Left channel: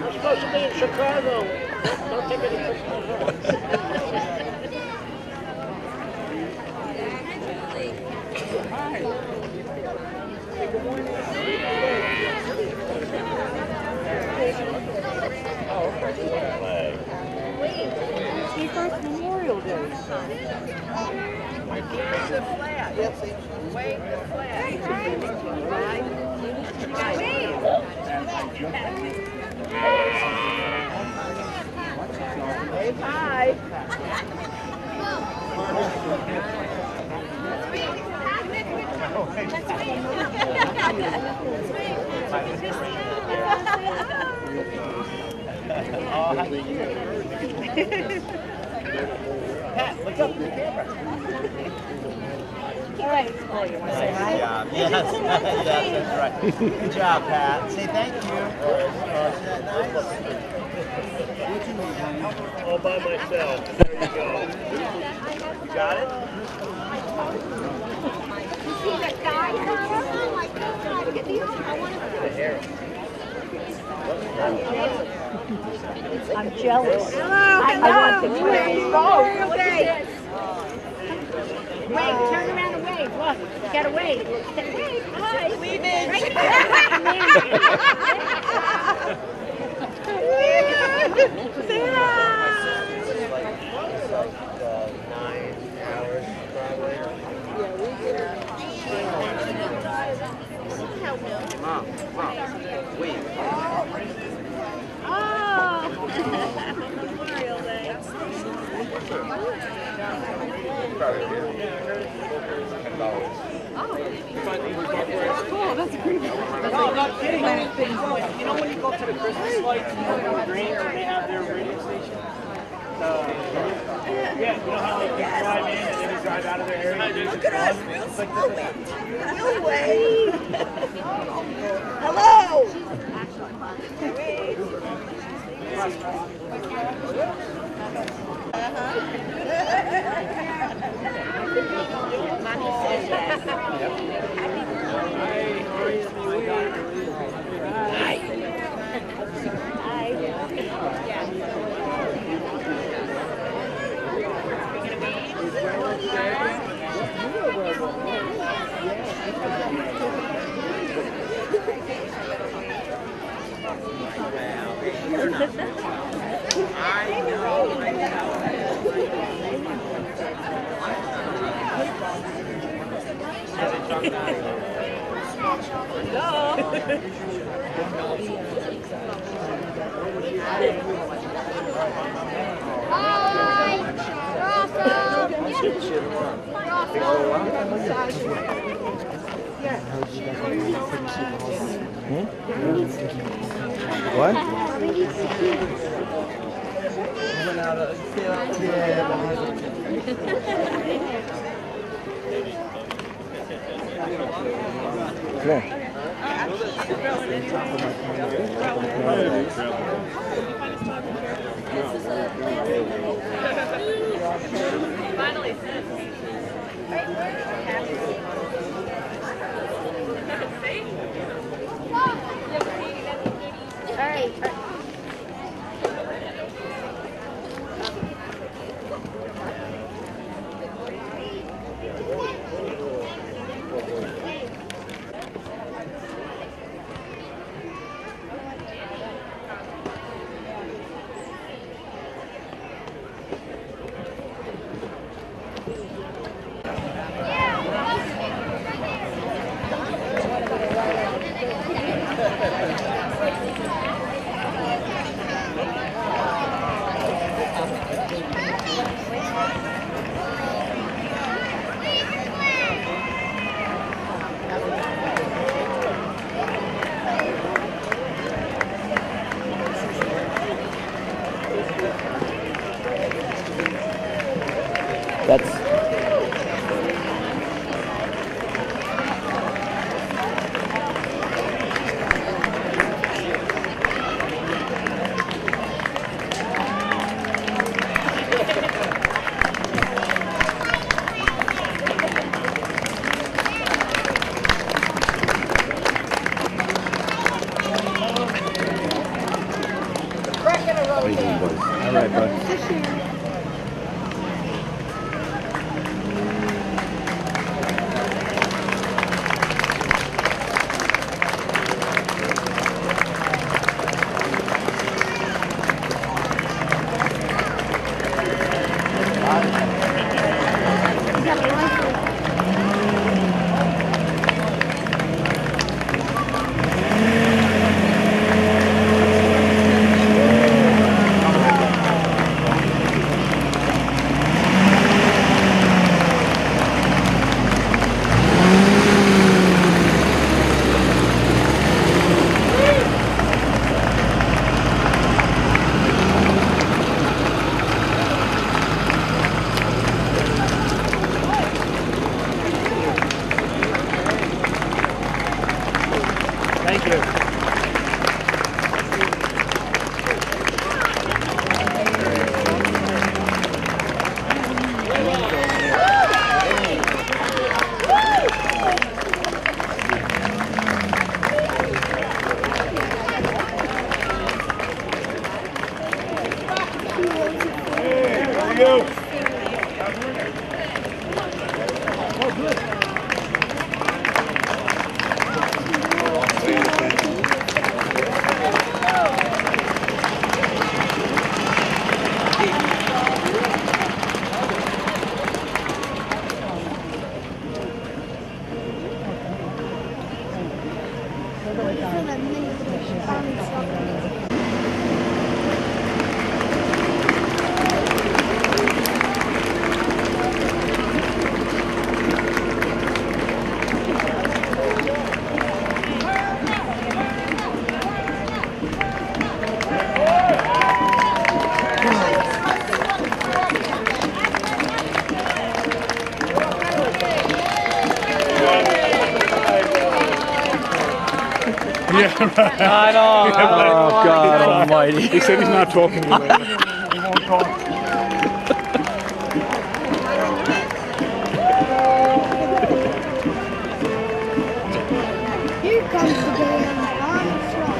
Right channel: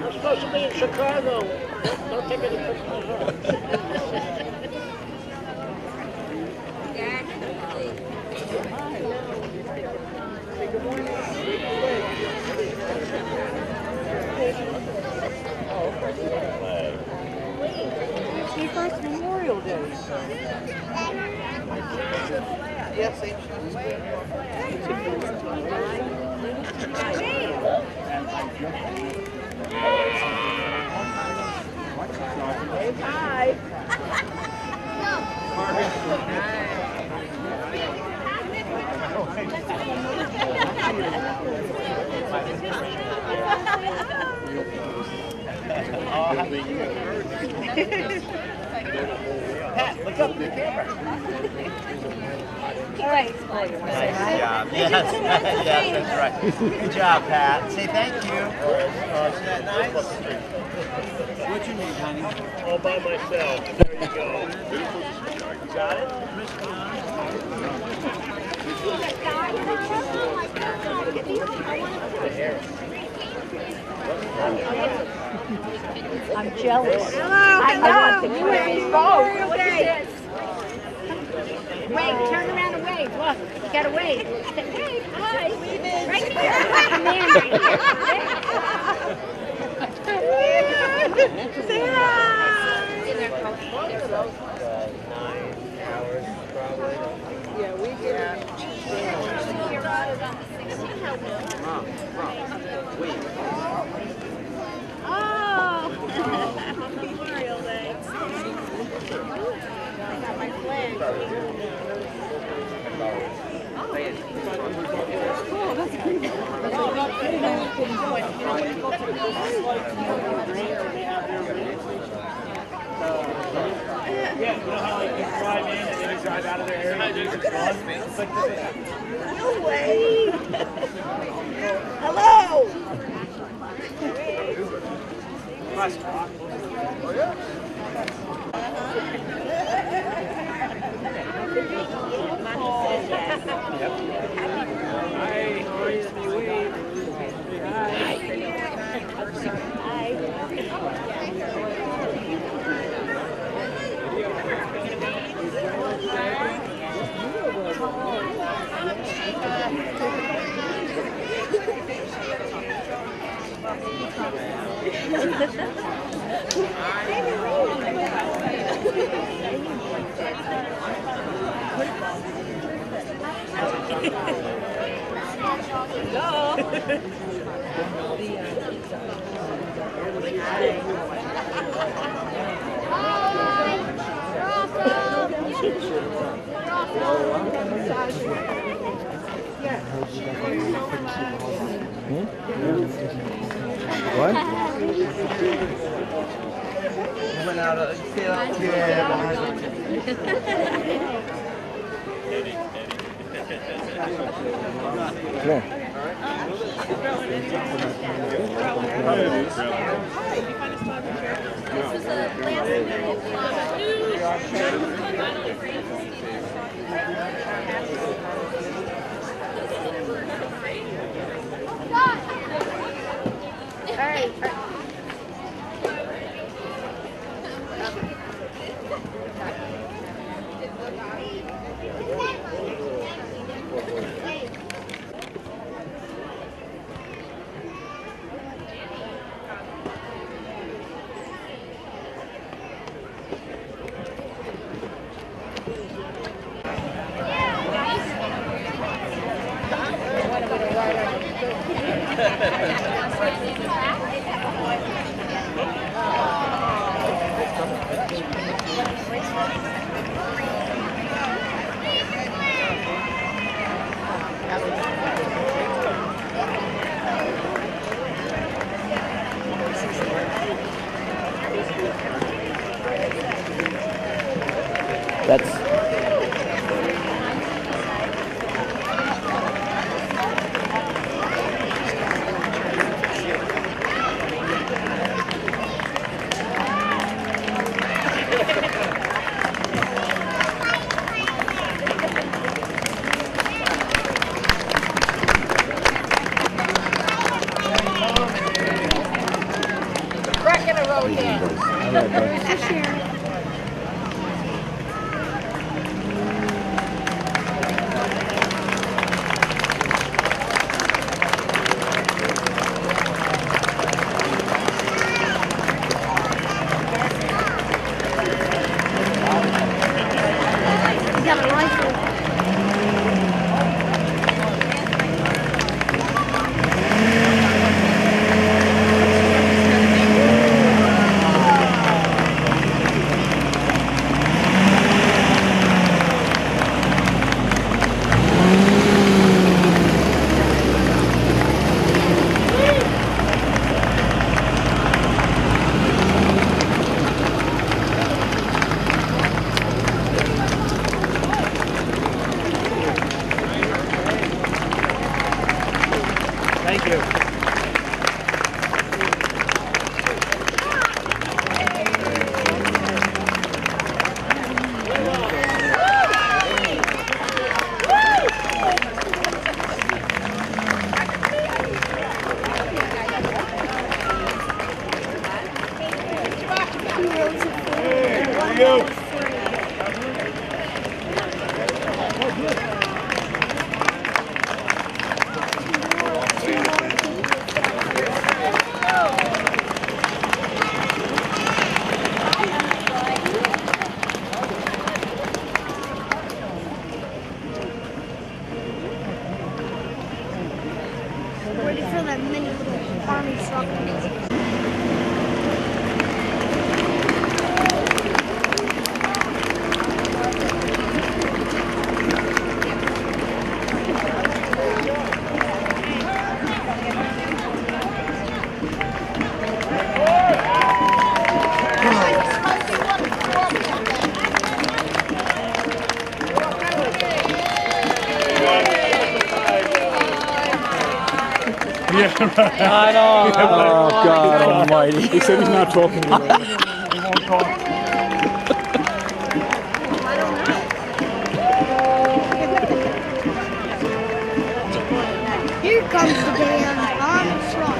I'm supposed to be in Chicago. Don't take any pictures. Good morning. It's the first Memorial Day. Yes, hey, hi. Pat, look up in the camera. All right. Oh, you want to say hi? Yes, that's right. Good job, Pat. Say thank you. Isn't that nice? What you need, honey? All by myself. There you go. You got it? The hair. I'm jealous. Hello, I want the Memorial Day. Wave, turn around and wave. Look, you gotta wave. Wave, hi. Leave in. Right there. Say hi. 9 hours, probably. Yeah, we get Mom, wait. Oh. Memorial Day. cool. That's great. I'm not kidding. You know when you go to the Christmas lights and you green or they have their radio station? Yeah, you know how like you drive in and then you drive out of their area? Look at us. It's like this. No way. Hello. Mommy says yes. What? Coming out of That's All right, bud. You got a rifle. Thank you. There you go. Waiting for that mini farming truck. Yeah, right. I know. Oh, God almighty. He said he's not talking to me. He won't talk. Here comes the damn farming truck.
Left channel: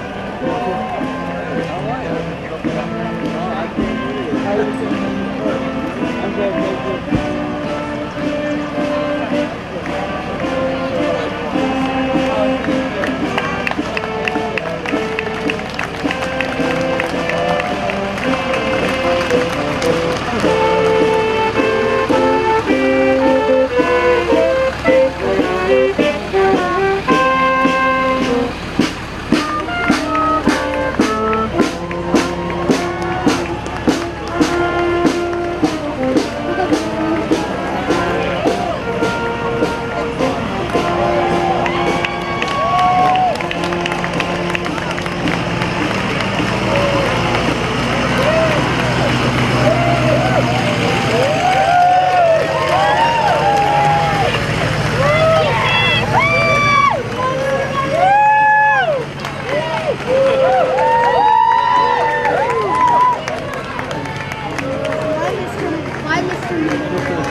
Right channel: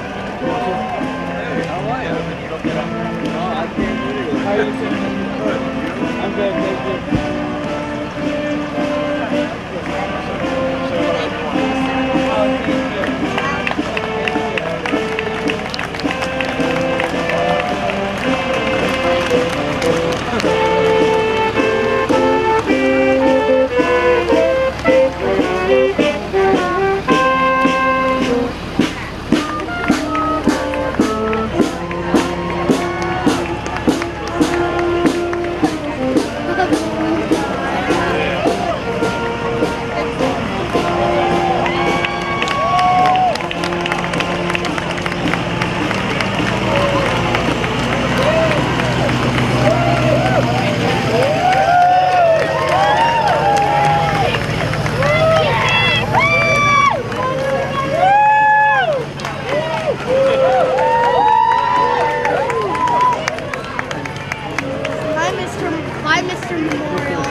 Bye, Mr. Memorial.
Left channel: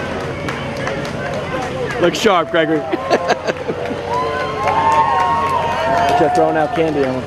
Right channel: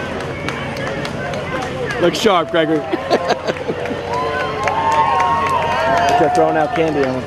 Look sharp, Gregory. Just throwing out candy on him.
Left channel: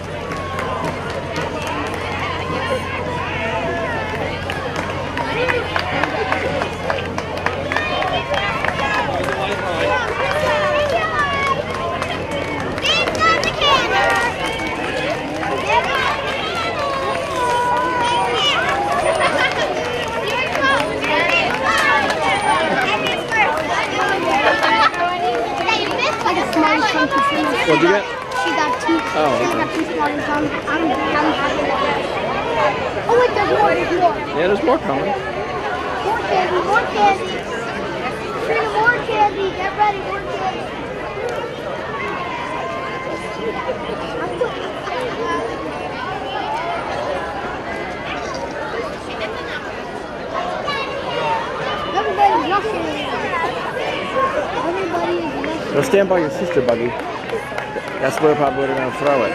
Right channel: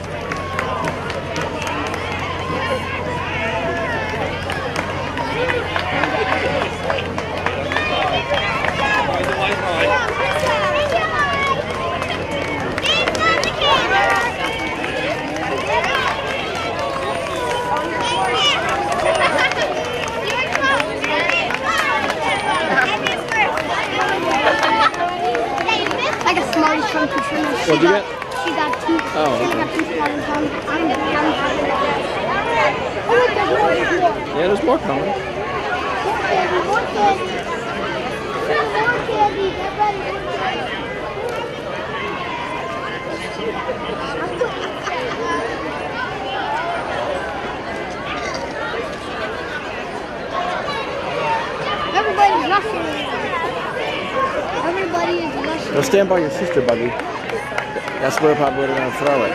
I got smarties from Katrina. What'd you get? She got two. Oh, She okay. got two smarties from. Oh wait, there's more. There's more. Yeah, there's more coming. More candy. More candy. More candy. Get ready. More candy. Everybody's rushing. Everybody is rushing. Go stand by your sister, Buggy. That's where probably they're going to throw it.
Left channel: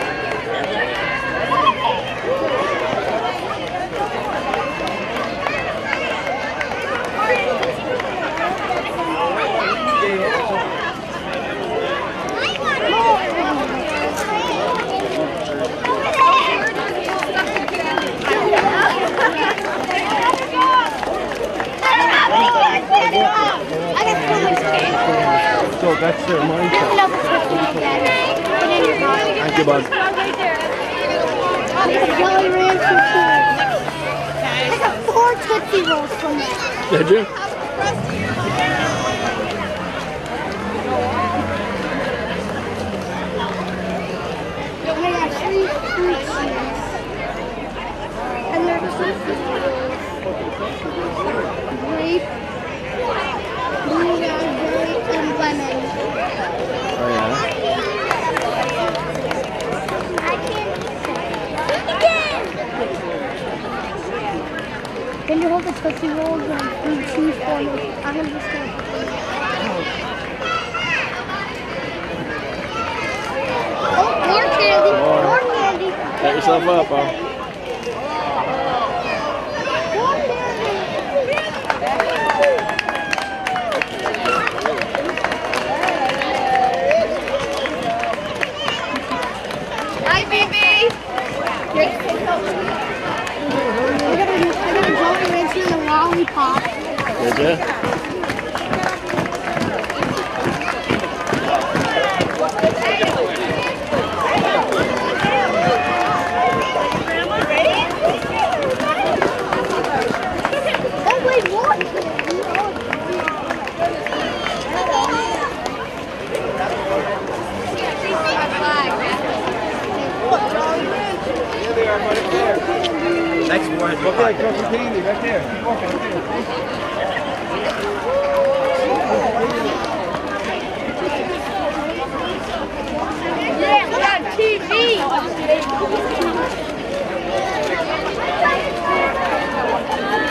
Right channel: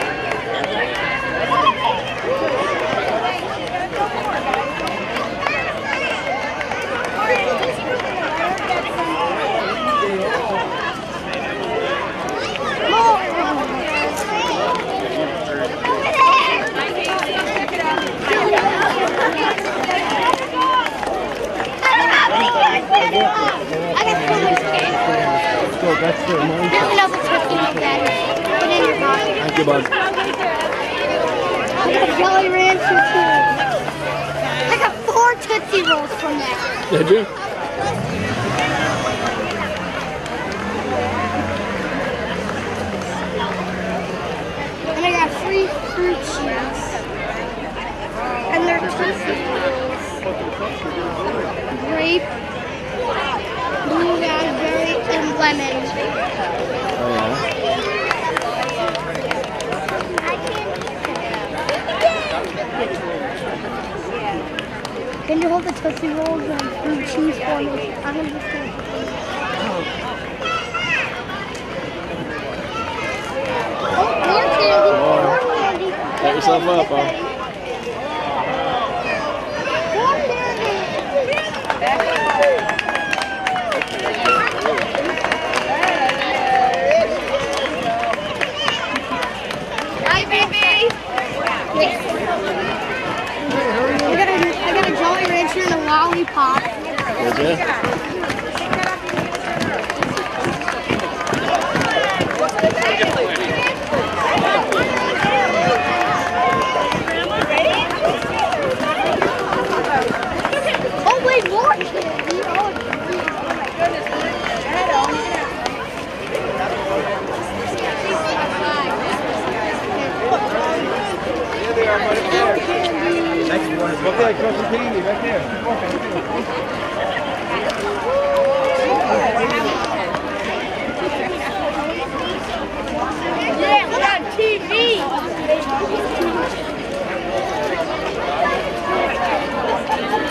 you, bud. I got Jolly Rancher too. I got 4 Tootsie Rolls from that. Did you? And I got 3 fruit chews. And they're Tootsie Rolls. Grape, blue raspberry, and lemon. Oh yeah. Can you hold the Tootsie Rolls and fruit chews for me? I'm gonna just go. Oh, more candy! More candy! Set yourself up, huh? More candy! Hi, baby! I got a Jolly Rancher and a lollipop. Did you? Oh wait, more candy! Next one is Okay, throw some candy right there. Yeah, we're on TV!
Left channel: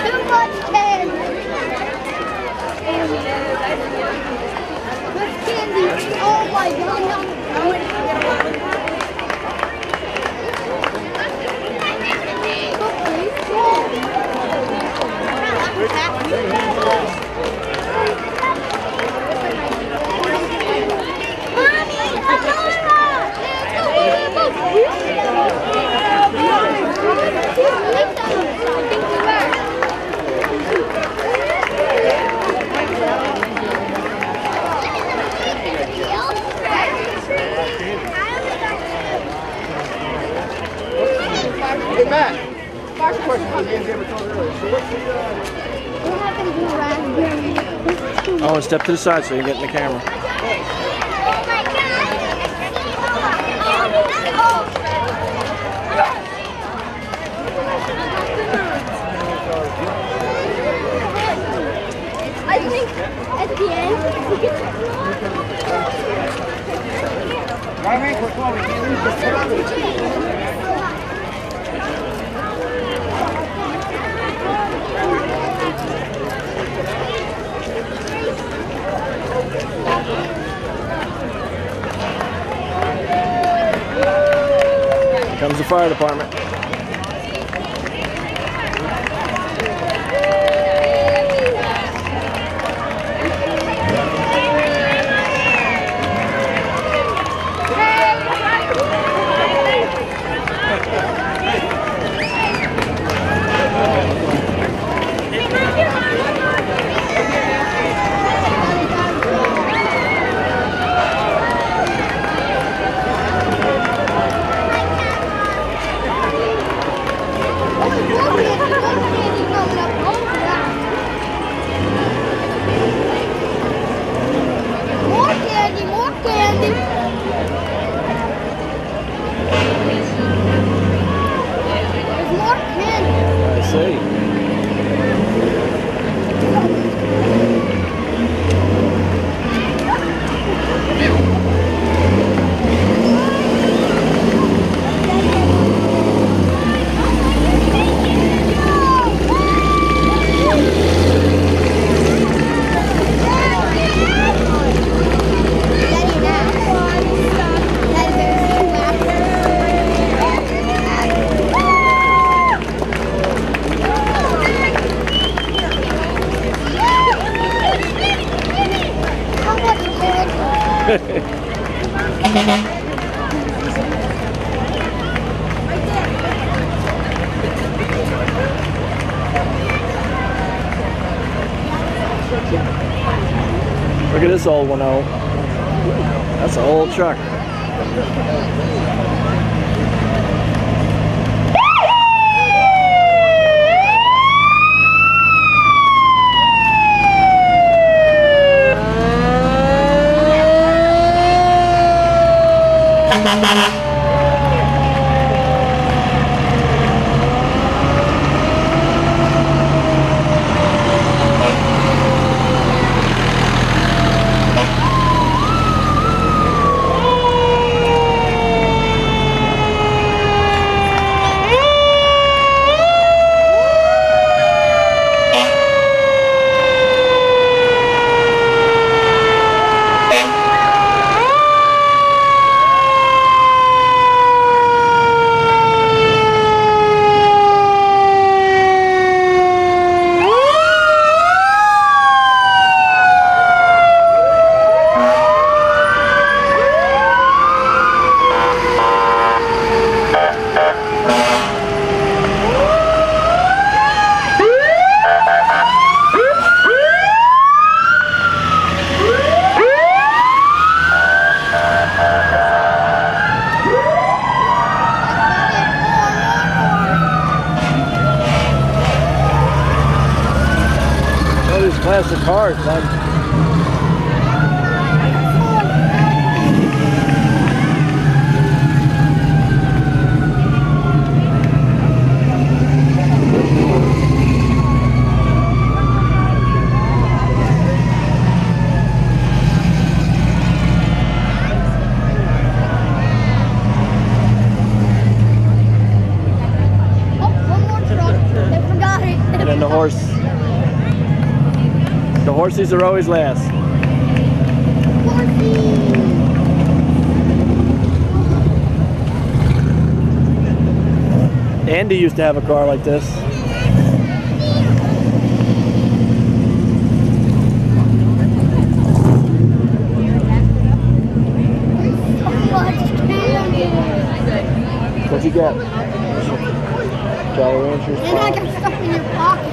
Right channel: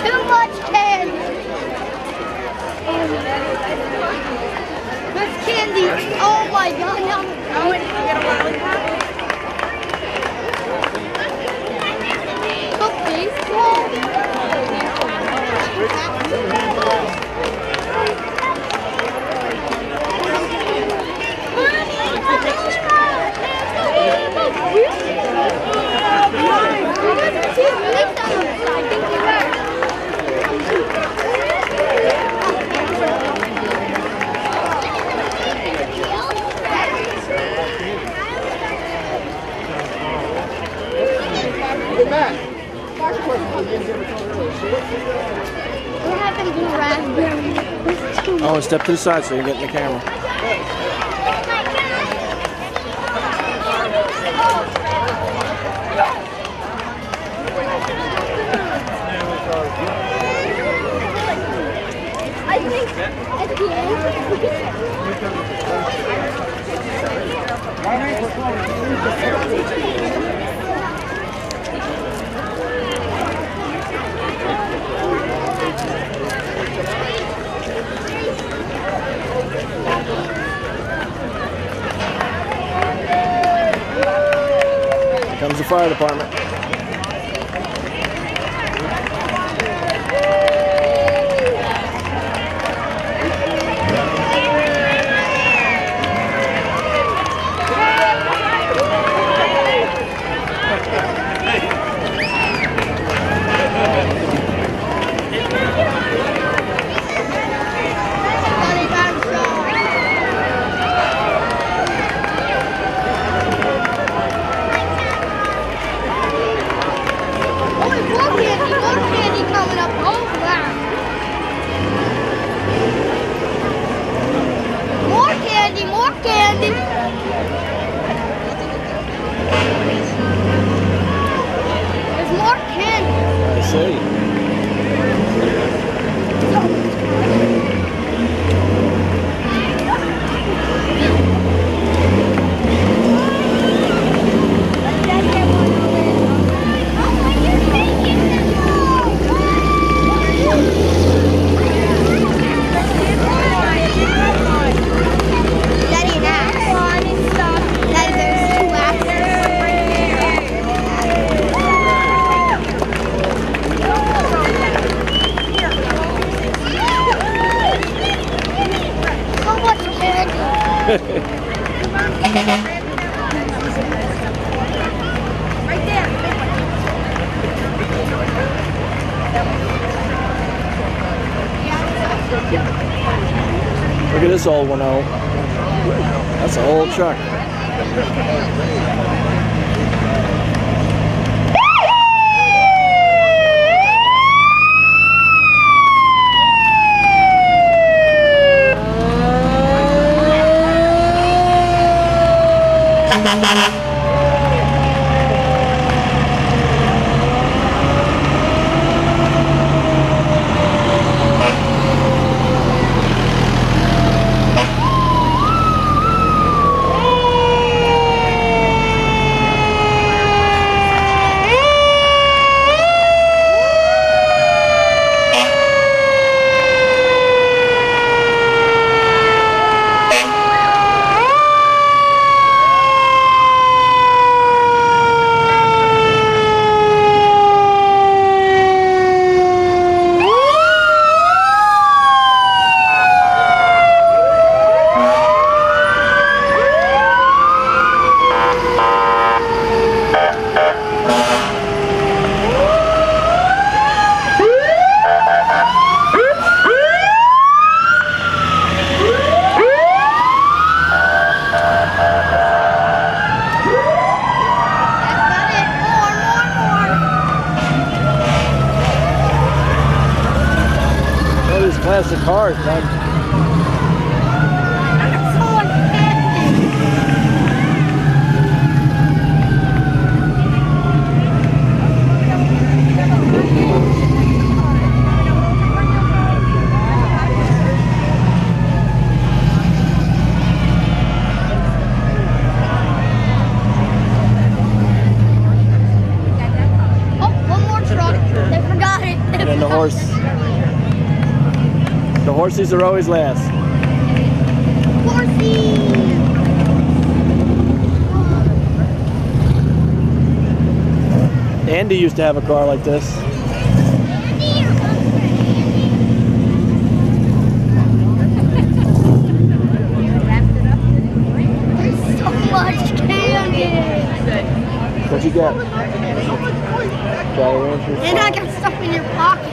Too much candy! Good candy! Oh my god! Hey, Matt. What happened to raspberry? Oh, step to the side so you can get in the camera. I think at the end, we can Here comes the fire department. Look at this old one out. That's an old truck. Classic cars, bud. Oh, one more truck. They forgot it. And then the horse. The horses are always last. Horsey. Andy used to have a car like this. So much candy. What you got? Jolly Ranchers. And I got stuff in your pocket.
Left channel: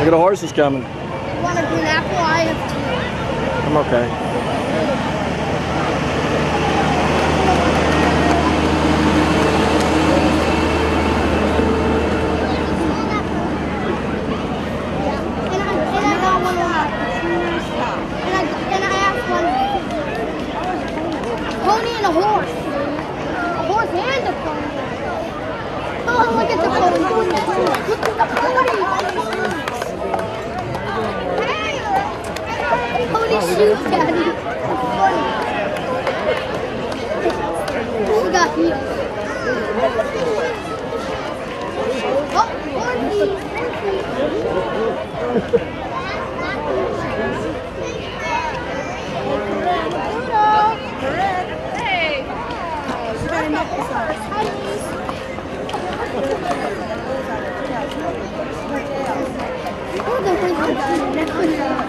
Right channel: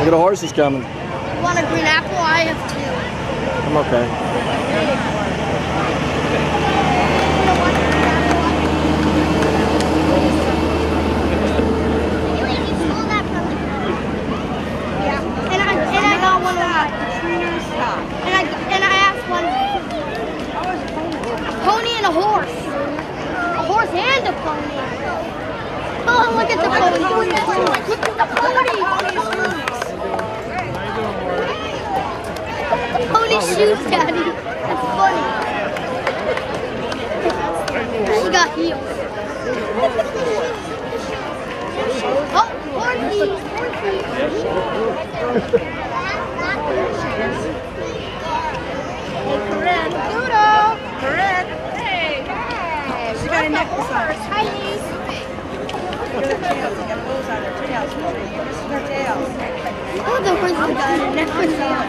Look at the horses coming. You want a green apple? I have two. I'm okay. Yeah. And I got one of my. And I asked one. A pony and a horse. A horse and a pony. Oh, look at the pony. Look at the pony. Pony shoes, Daddy. That's funny. He got healed. Oh, horsey. Correct. Hey. She got a necklace on. Oh, the horse got a necklace on.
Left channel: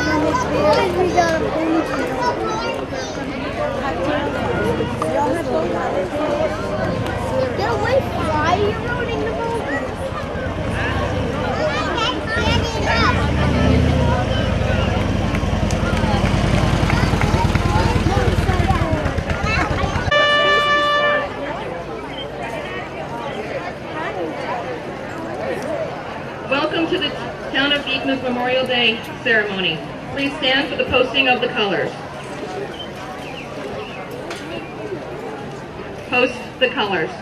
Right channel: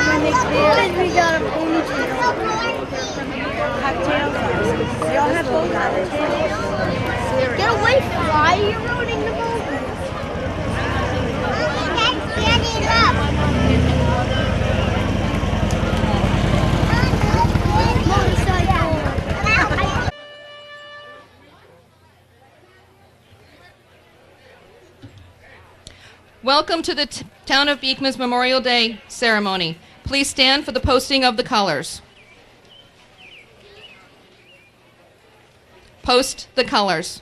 And we got a ponytail. Get away from why you're ruining the moment. Welcome to the Town of Beekman's Memorial Day ceremony. Please stand for the posting of the colors. Post the colors.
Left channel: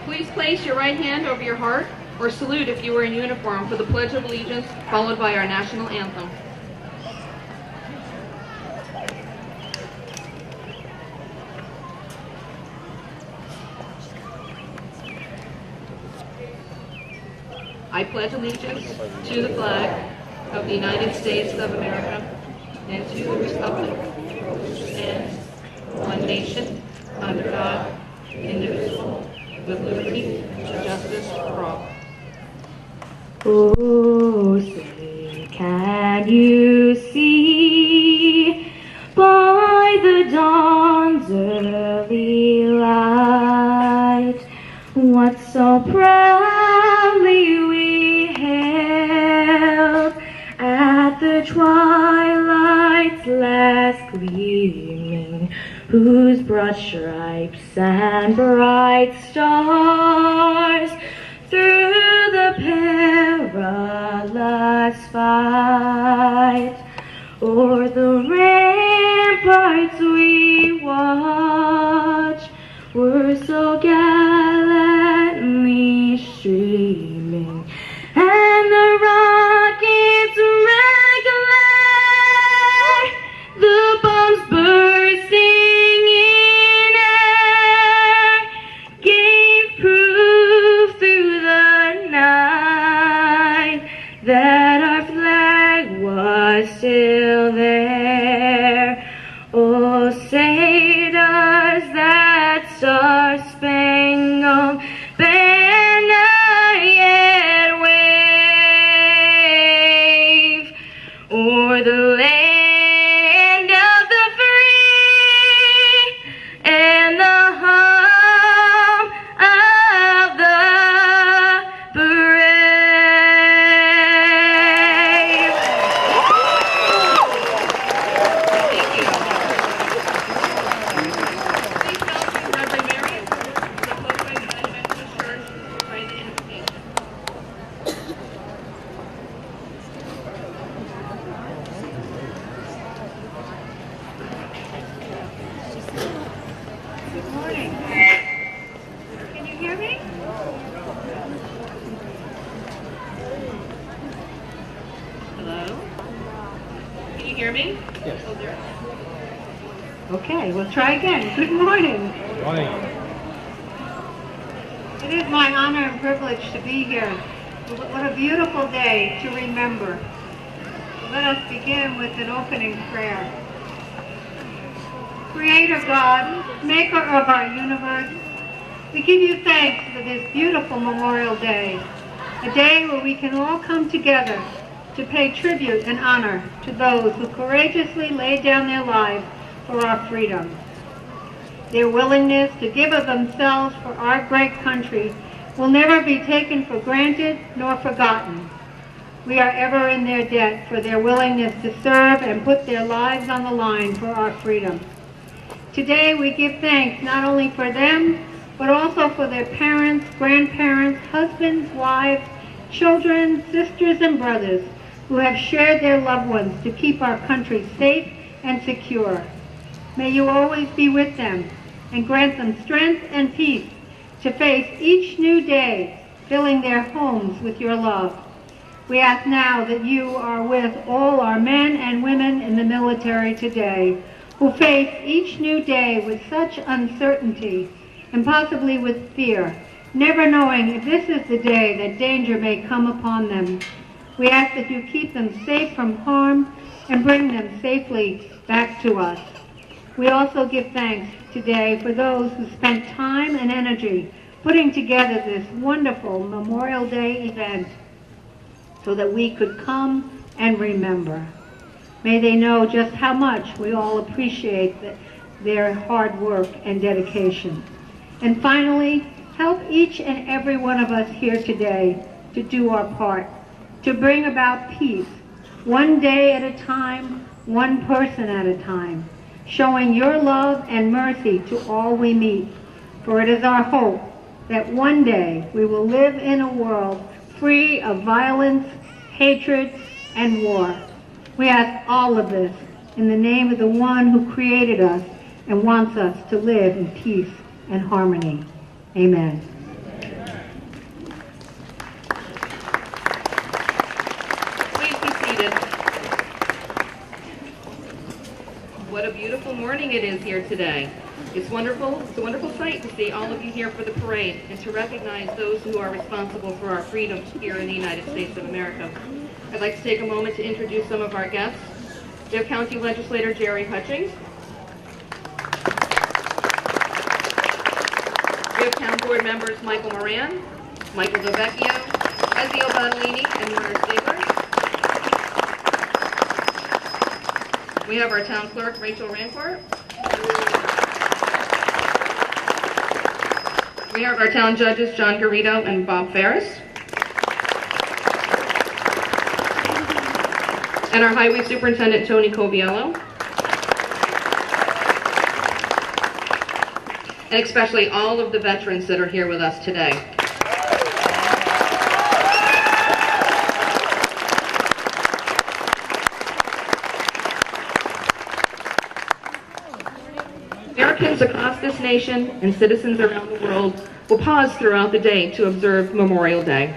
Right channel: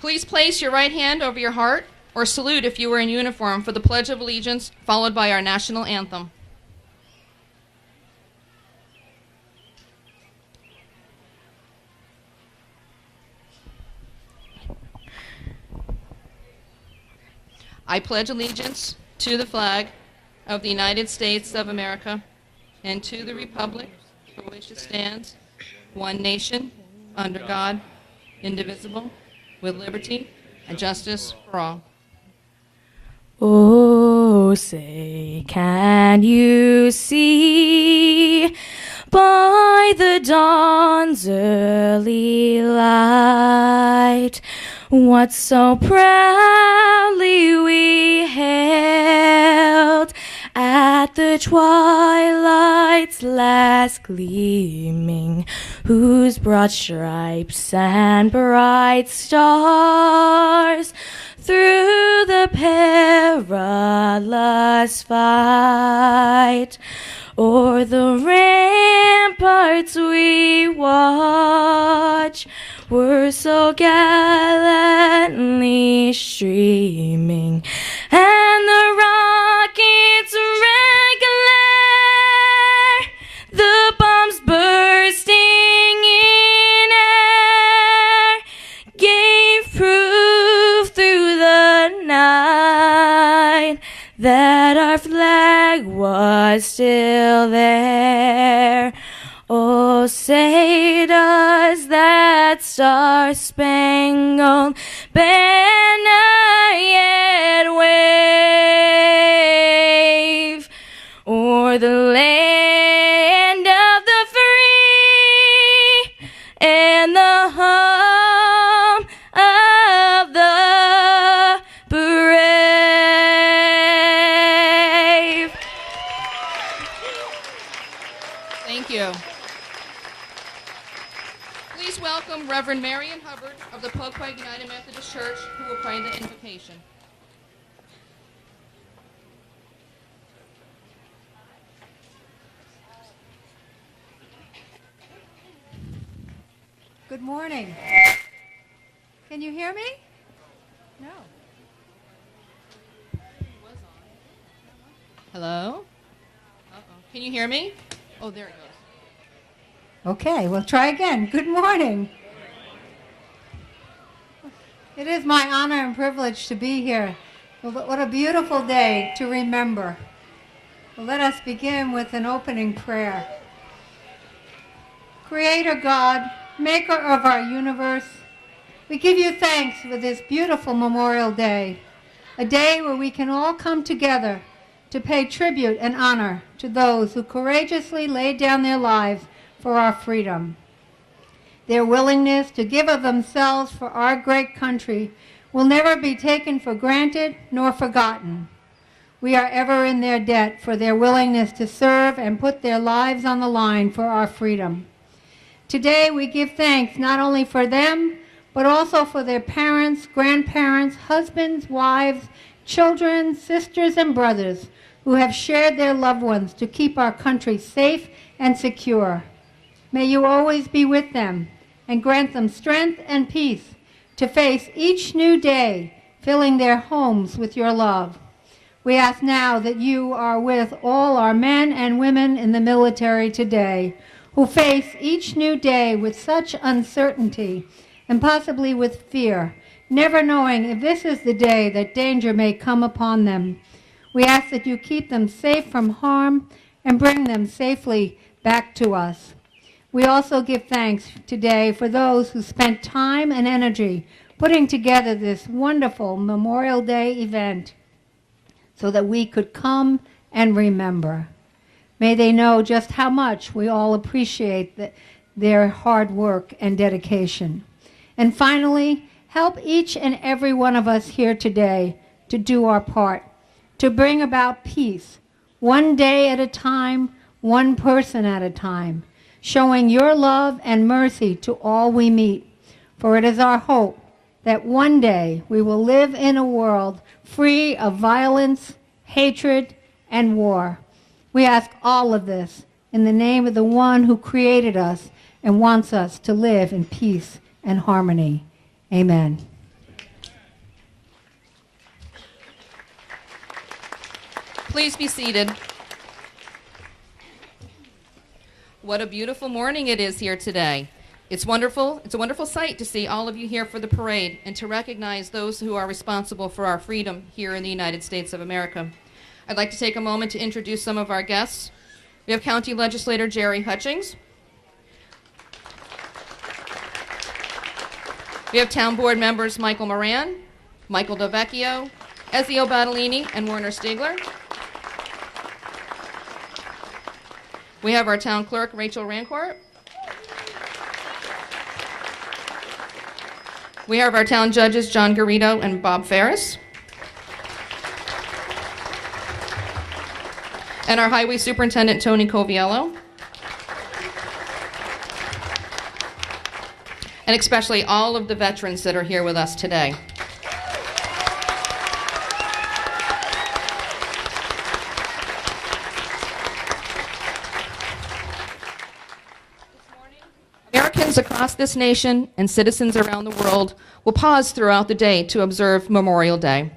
Please place your right hand over your heart or salute if you are in uniform for the Pledge of Allegiance, followed by our national anthem. I pledge allegiance to the flag of the United States of America and to the republic for which it stands, one nation, under God, indivisible, with liberty and justice for all. Oh, say, can you see by by the dawn's early light, what so proudly we hailed at the twilight's last gleaming, whose broad stripes and bright stars through the perilous fight o'er the ramparts we watch were so gallantly streaming, and the rockets regular, the bombs bursting in air, gave proof through the night that our flag was still there. Oh, say does that star-spangled banner yet wave o'er the land of the free and the home of the brave? Thank you. Please welcome Reverend Mary of the Pilgrim United Methodist Church who will pray the invocation. Good morning. Can you hear me? Hello? Can you hear me? Yes. Oh, there. Okay, we'll try again. Good morning. It is my honor and privilege to be here. What a beautiful day to remember. Let us begin with an opening prayer. Creator God, maker of our universe, we give you thanks for this beautiful Memorial Day, a day where we can all come together to pay tribute and honor to those who courageously laid down their lives for our freedom. Their willingness to give of themselves for our great country will never be taken for granted nor forgotten. We are ever in their debt for their willingness to serve and put their lives on the line for our freedom. Today we give thanks not only for them, but also for their parents, grandparents, husbands, wives, children, sisters, and brothers who have shared their loved ones to keep our country safe and secure. May you always be with them and grant them strength and peace to face each new day, filling their homes with your love. We ask now that you are with all our men and women in the military today who face each new day with such uncertainty and possibly with fear, never knowing if this is the day that danger may come upon them. We ask that you keep them safe from harm and bring them safely back to us. We also give thanks today for those who spent time and energy putting together this wonderful Memorial Day event so that we could come and remember. May they know just how much we all appreciate their hard work and dedication. And finally, help each and every one of us here today to do our part, to bring about peace, one day at a time, one person at a time, showing your love and mercy to all we meet. For it is our hope that one day we will live in a world free of violence, hatred, and war. We ask all of this in the name of the one who created us and wants us to live in peace and harmony. Amen. Please be seated. What a beautiful morning it is here today. It's wonderful. It's a wonderful sight to see all of you here for the parade and to recognize those who are responsible for our freedom here in the United States of America. I'd like to take a moment to introduce some of our guests. We have County Legislator Jerry Hutchings. We have Town Board members Michael Moran, Michael Dovecchio, Ezio Battellini, and Werner Stigler. We have our town clerk, Rachel Rancourt. We have our town judges, John Garrido and Bob Ferris. And our highway superintendent, Tony Coviello. And especially all of the veterans that are here with us today. Americans across this nation and citizens around the world will pause throughout the day to observe Memorial Day.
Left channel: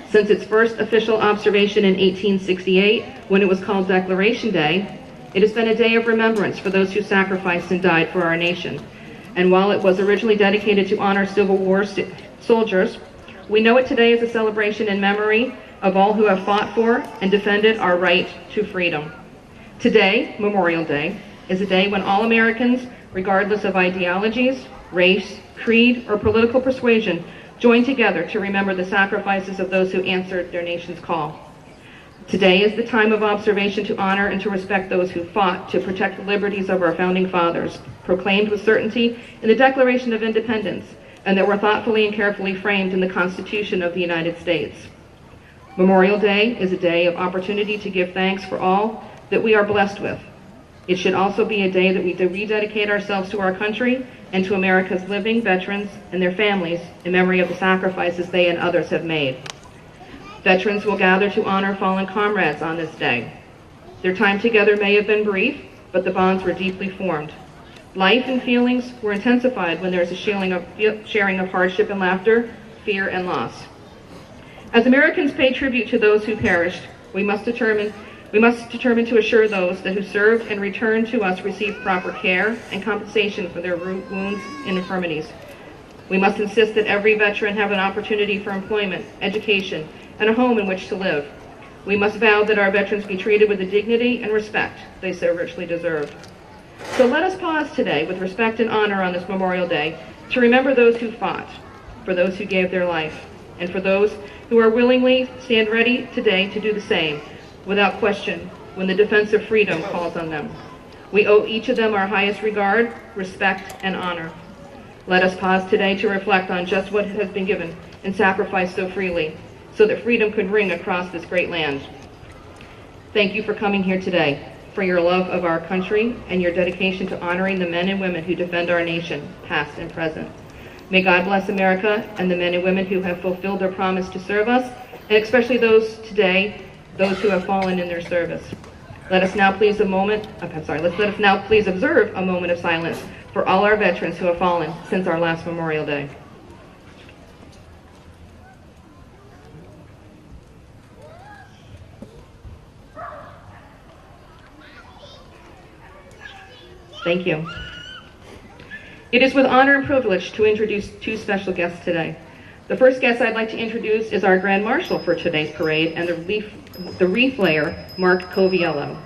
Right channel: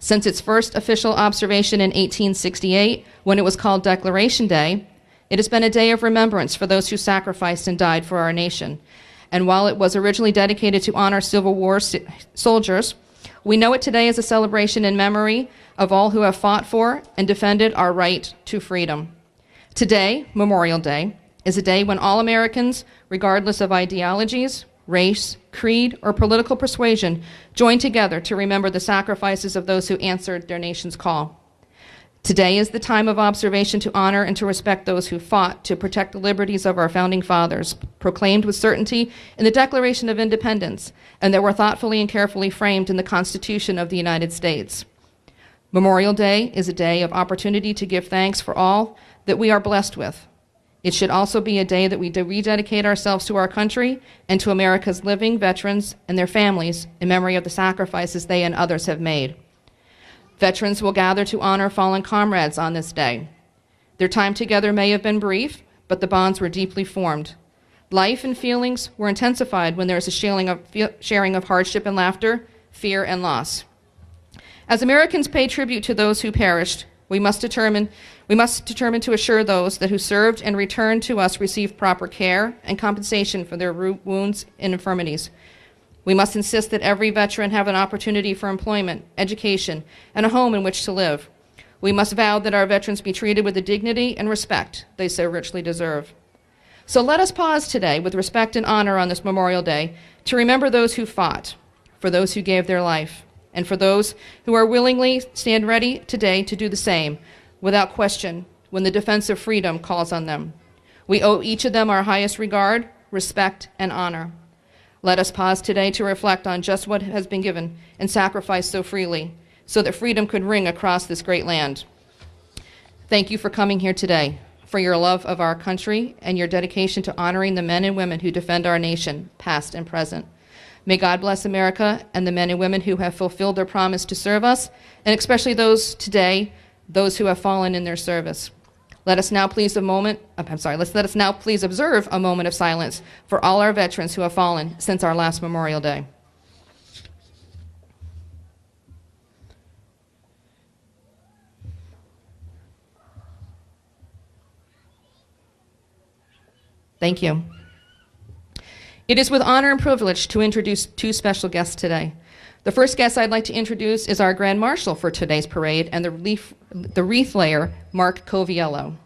Since its first official observation in 1868, when it was called Declaration Day, it has been a day of remembrance for those who sacrificed and died for our nation. And while it was originally dedicated to honor Civil War soldiers, we know it today as a celebration in memory of all who have fought for and defended our right to freedom. Today, Memorial Day, is a day when all Americans, regardless of ideologies, race, creed, or political persuasion, join together to remember the sacrifices of those who answered their nation's call. Today is the time of observation to honor and to respect those who fought to protect the liberties of our founding fathers, proclaimed with certainty in the Declaration of Independence, and that were thoughtfully and carefully framed in the Constitution of the United States. Memorial Day is a day of opportunity to give thanks for all that we are blessed with. It should also be a day that we rededicate ourselves to our country and to America's living veterans and their families in memory of the sacrifices they and others have made. Veterans will gather to honor fallen comrades on this day. Their time together may have been brief, but the bonds were deeply formed. Life and feelings were intensified when there was a sharing of hardship and laughter, fear and loss. As Americans pay tribute to those who perished, we must determine to assure those that who served and returned to us receive proper care and compensation for their wounds and infirmities. We must insist that every veteran have an opportunity for employment, education, and a home in which to live. We must vow that our veterans be treated with the dignity and respect they so richly deserve. So let us pause today with respect and honor on this Memorial Day to remember those who fought, for those who gave their life, and for those who are willingly stand ready today to do the same, without question, when the defense of freedom calls on them. We owe each of them our highest regard, respect, and honor. Let us pause today to reflect on just what has been given and sacrificed so freely, so that freedom could ring across this great land. Thank you for coming here today, for your love of our country and your dedication to honoring the men and women who defend our nation, past and present. May God bless America and the men and women who have fulfilled their promise to serve us, and especially those today, those who have fallen in their service. Let us now please observe a moment of silence for all our veterans who have fallen since our last Memorial Day. Thank you. It is with honor and privilege to introduce two special guests today. The first guest I'd like to introduce is our Grand Marshal for today's parade and the wreath layer, Mark Coviello.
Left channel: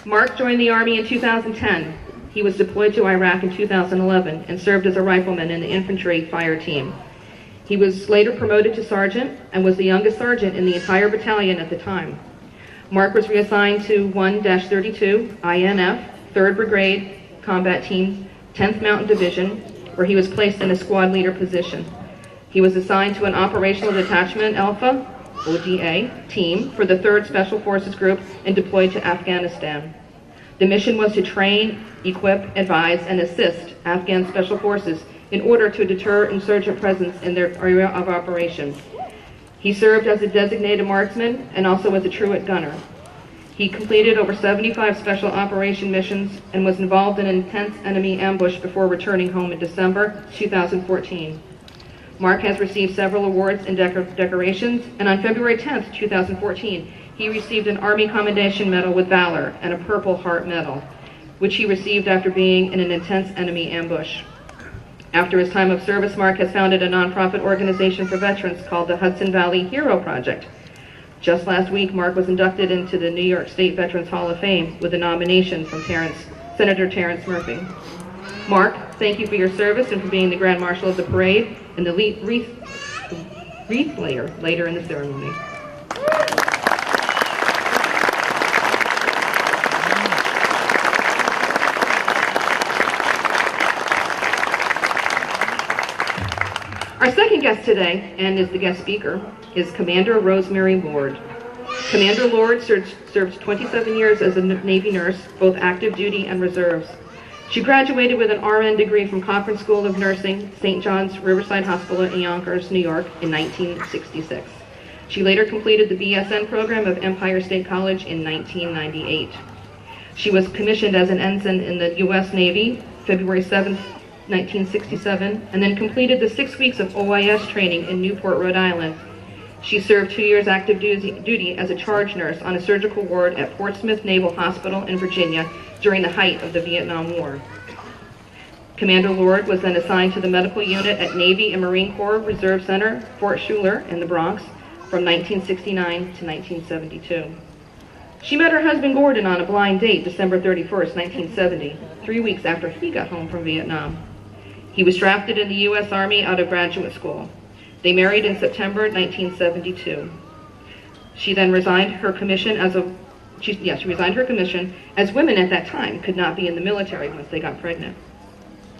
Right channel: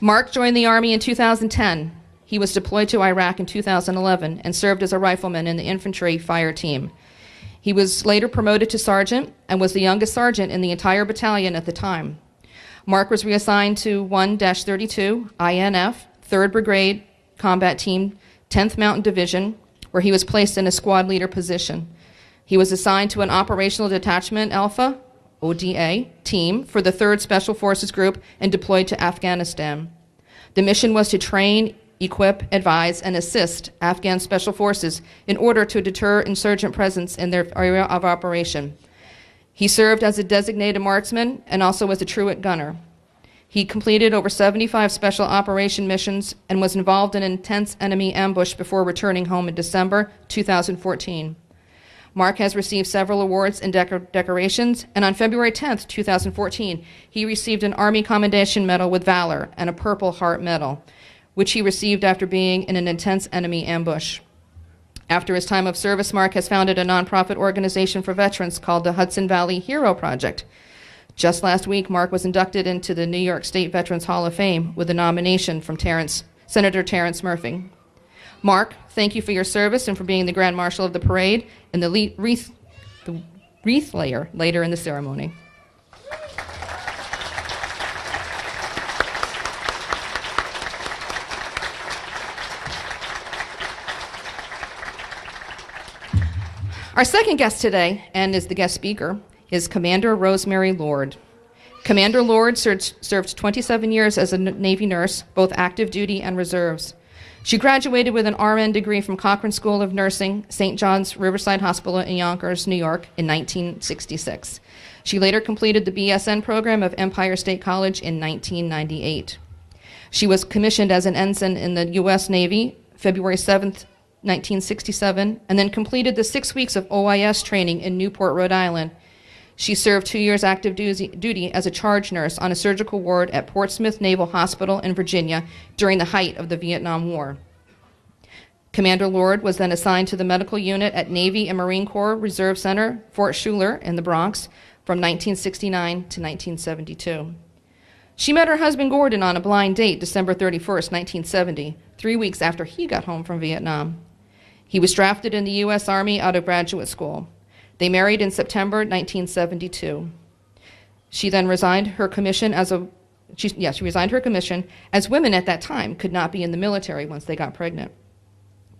Mark joined the Army in 2010. He was deployed to Iraq in 2011 and served as a rifleman in the infantry fire team. He was later promoted to sergeant and was the youngest sergeant in the entire battalion at the time. Mark was reassigned to 1-32 INF, 3rd Brigade Combat Team, 10th Mountain Division, where he was placed in a squad leader position. He was assigned to an Operational Detachment Alpha, ODA, team for the 3rd Special Forces Group and deployed to Afghanistan. The mission was to train, equip, advise, and assist Afghan Special Forces in order to deter insurgent presence in their area of operation. He served as a designated marksman and also as a truant gunner. He completed over 75 special operation missions and was involved in an intense enemy ambush before returning home in December 2014. Mark has received several awards and decorations, and on February 10th, 2014, he received an Army Commendation Medal with Valor and a Purple Heart Medal, which he received after being in an intense enemy ambush. After his time of service, Mark has founded a nonprofit organization for veterans called the Hudson Valley Hero Project. Just last week, Mark was inducted into the New York State Veterans Hall of Fame with a nomination from Senator Terrence Murphy. Mark, thank you for your service and for being the Grand Marshal of the parade and the wreath layer later in the ceremony. Our second guest today, and is the guest speaker, is Commander Rosemary Lord. Commander Lord served 27 years as a Navy nurse, both active duty and reserves. She graduated with an RN degree from Cochrane School of Nursing, St. John's Riverside Hospital in Yonkers, New York, in 1966. She later completed the BSN program of Empire State College in 1998. She was commissioned as an ensign in the U.S. Navy, February 7th, 1967, and then completed the 6 weeks of OIS training in Newport, Rhode Island. She served 2 years active duty as a charge nurse on a surgical ward at Portsmouth Naval Hospital in Virginia during the height of the Vietnam War. Commander Lord was then assigned to the medical unit at Navy and Marine Corps Reserve Center, Fort Schuyler in the Bronx, from 1969 to 1972. She met her husband Gordon on a blind date December 31st, 1970, 3 weeks after he got home from Vietnam. He was drafted in the U.S. Army out of graduate school. They married in September 1972. She then resigned her commission as women at that time could not be in the military once they got pregnant.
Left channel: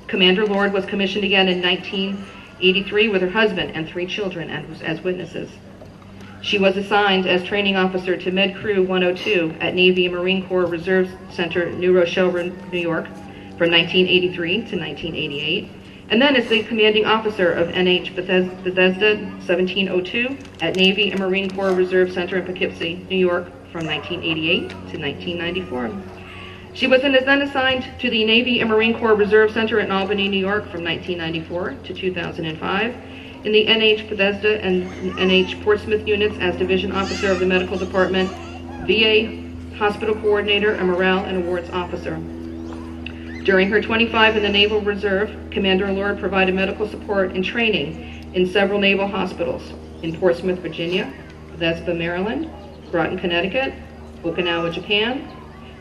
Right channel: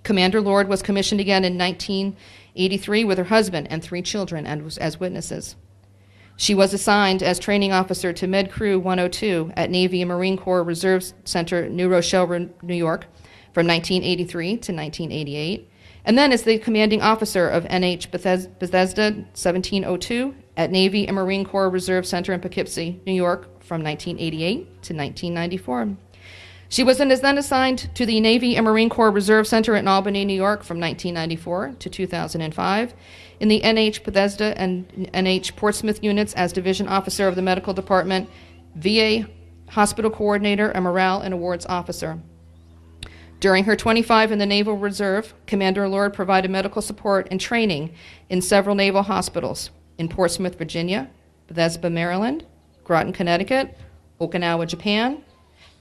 Commander Lord was commissioned again in 1983 with her husband and 3 children as witnesses. She was assigned as training officer to Med Crew 102 at Navy and Marine Corps Reserve Center, New Rochelle, New York, from 1983 to 1988, and then as the commanding officer of NH Bethesda 1702 at Navy and Marine Corps Reserve Center in Poughkeepsie, New York, from 1988 to 1994. She was then assigned to the Navy and Marine Corps Reserve Center in Albany, New York, from 1994 to 2005, in the NH Bethesda and NH Portsmouth units as division officer of the medical department, VA hospital coordinator, and morale and awards officer. During her 25 in the Naval Reserve, Commander Lord provided medical support and training in several naval hospitals in Portsmouth, Virginia, Vespa, Maryland, Groton, Connecticut, Okinawa, Japan,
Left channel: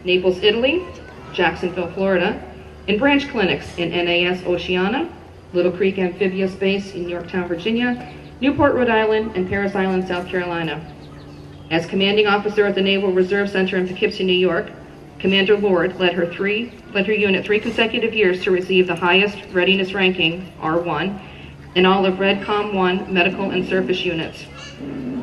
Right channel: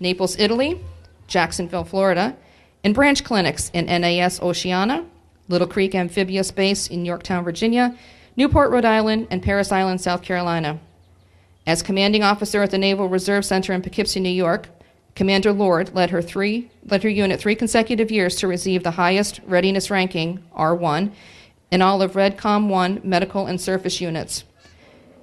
Naples, Italy, Jacksonville, Florida, and branch clinics in NAS Oceana, Little Creek Amphibious Base in Yorktown, Virginia, Newport, Rhode Island, and Parris Island, South Carolina. As commanding officer at the Naval Reserve Center in Poughkeepsie, New York, Commander Lord led her unit 3 consecutive years to receive the highest readiness ranking, R1, in all of REDCOM 1 medical and service units.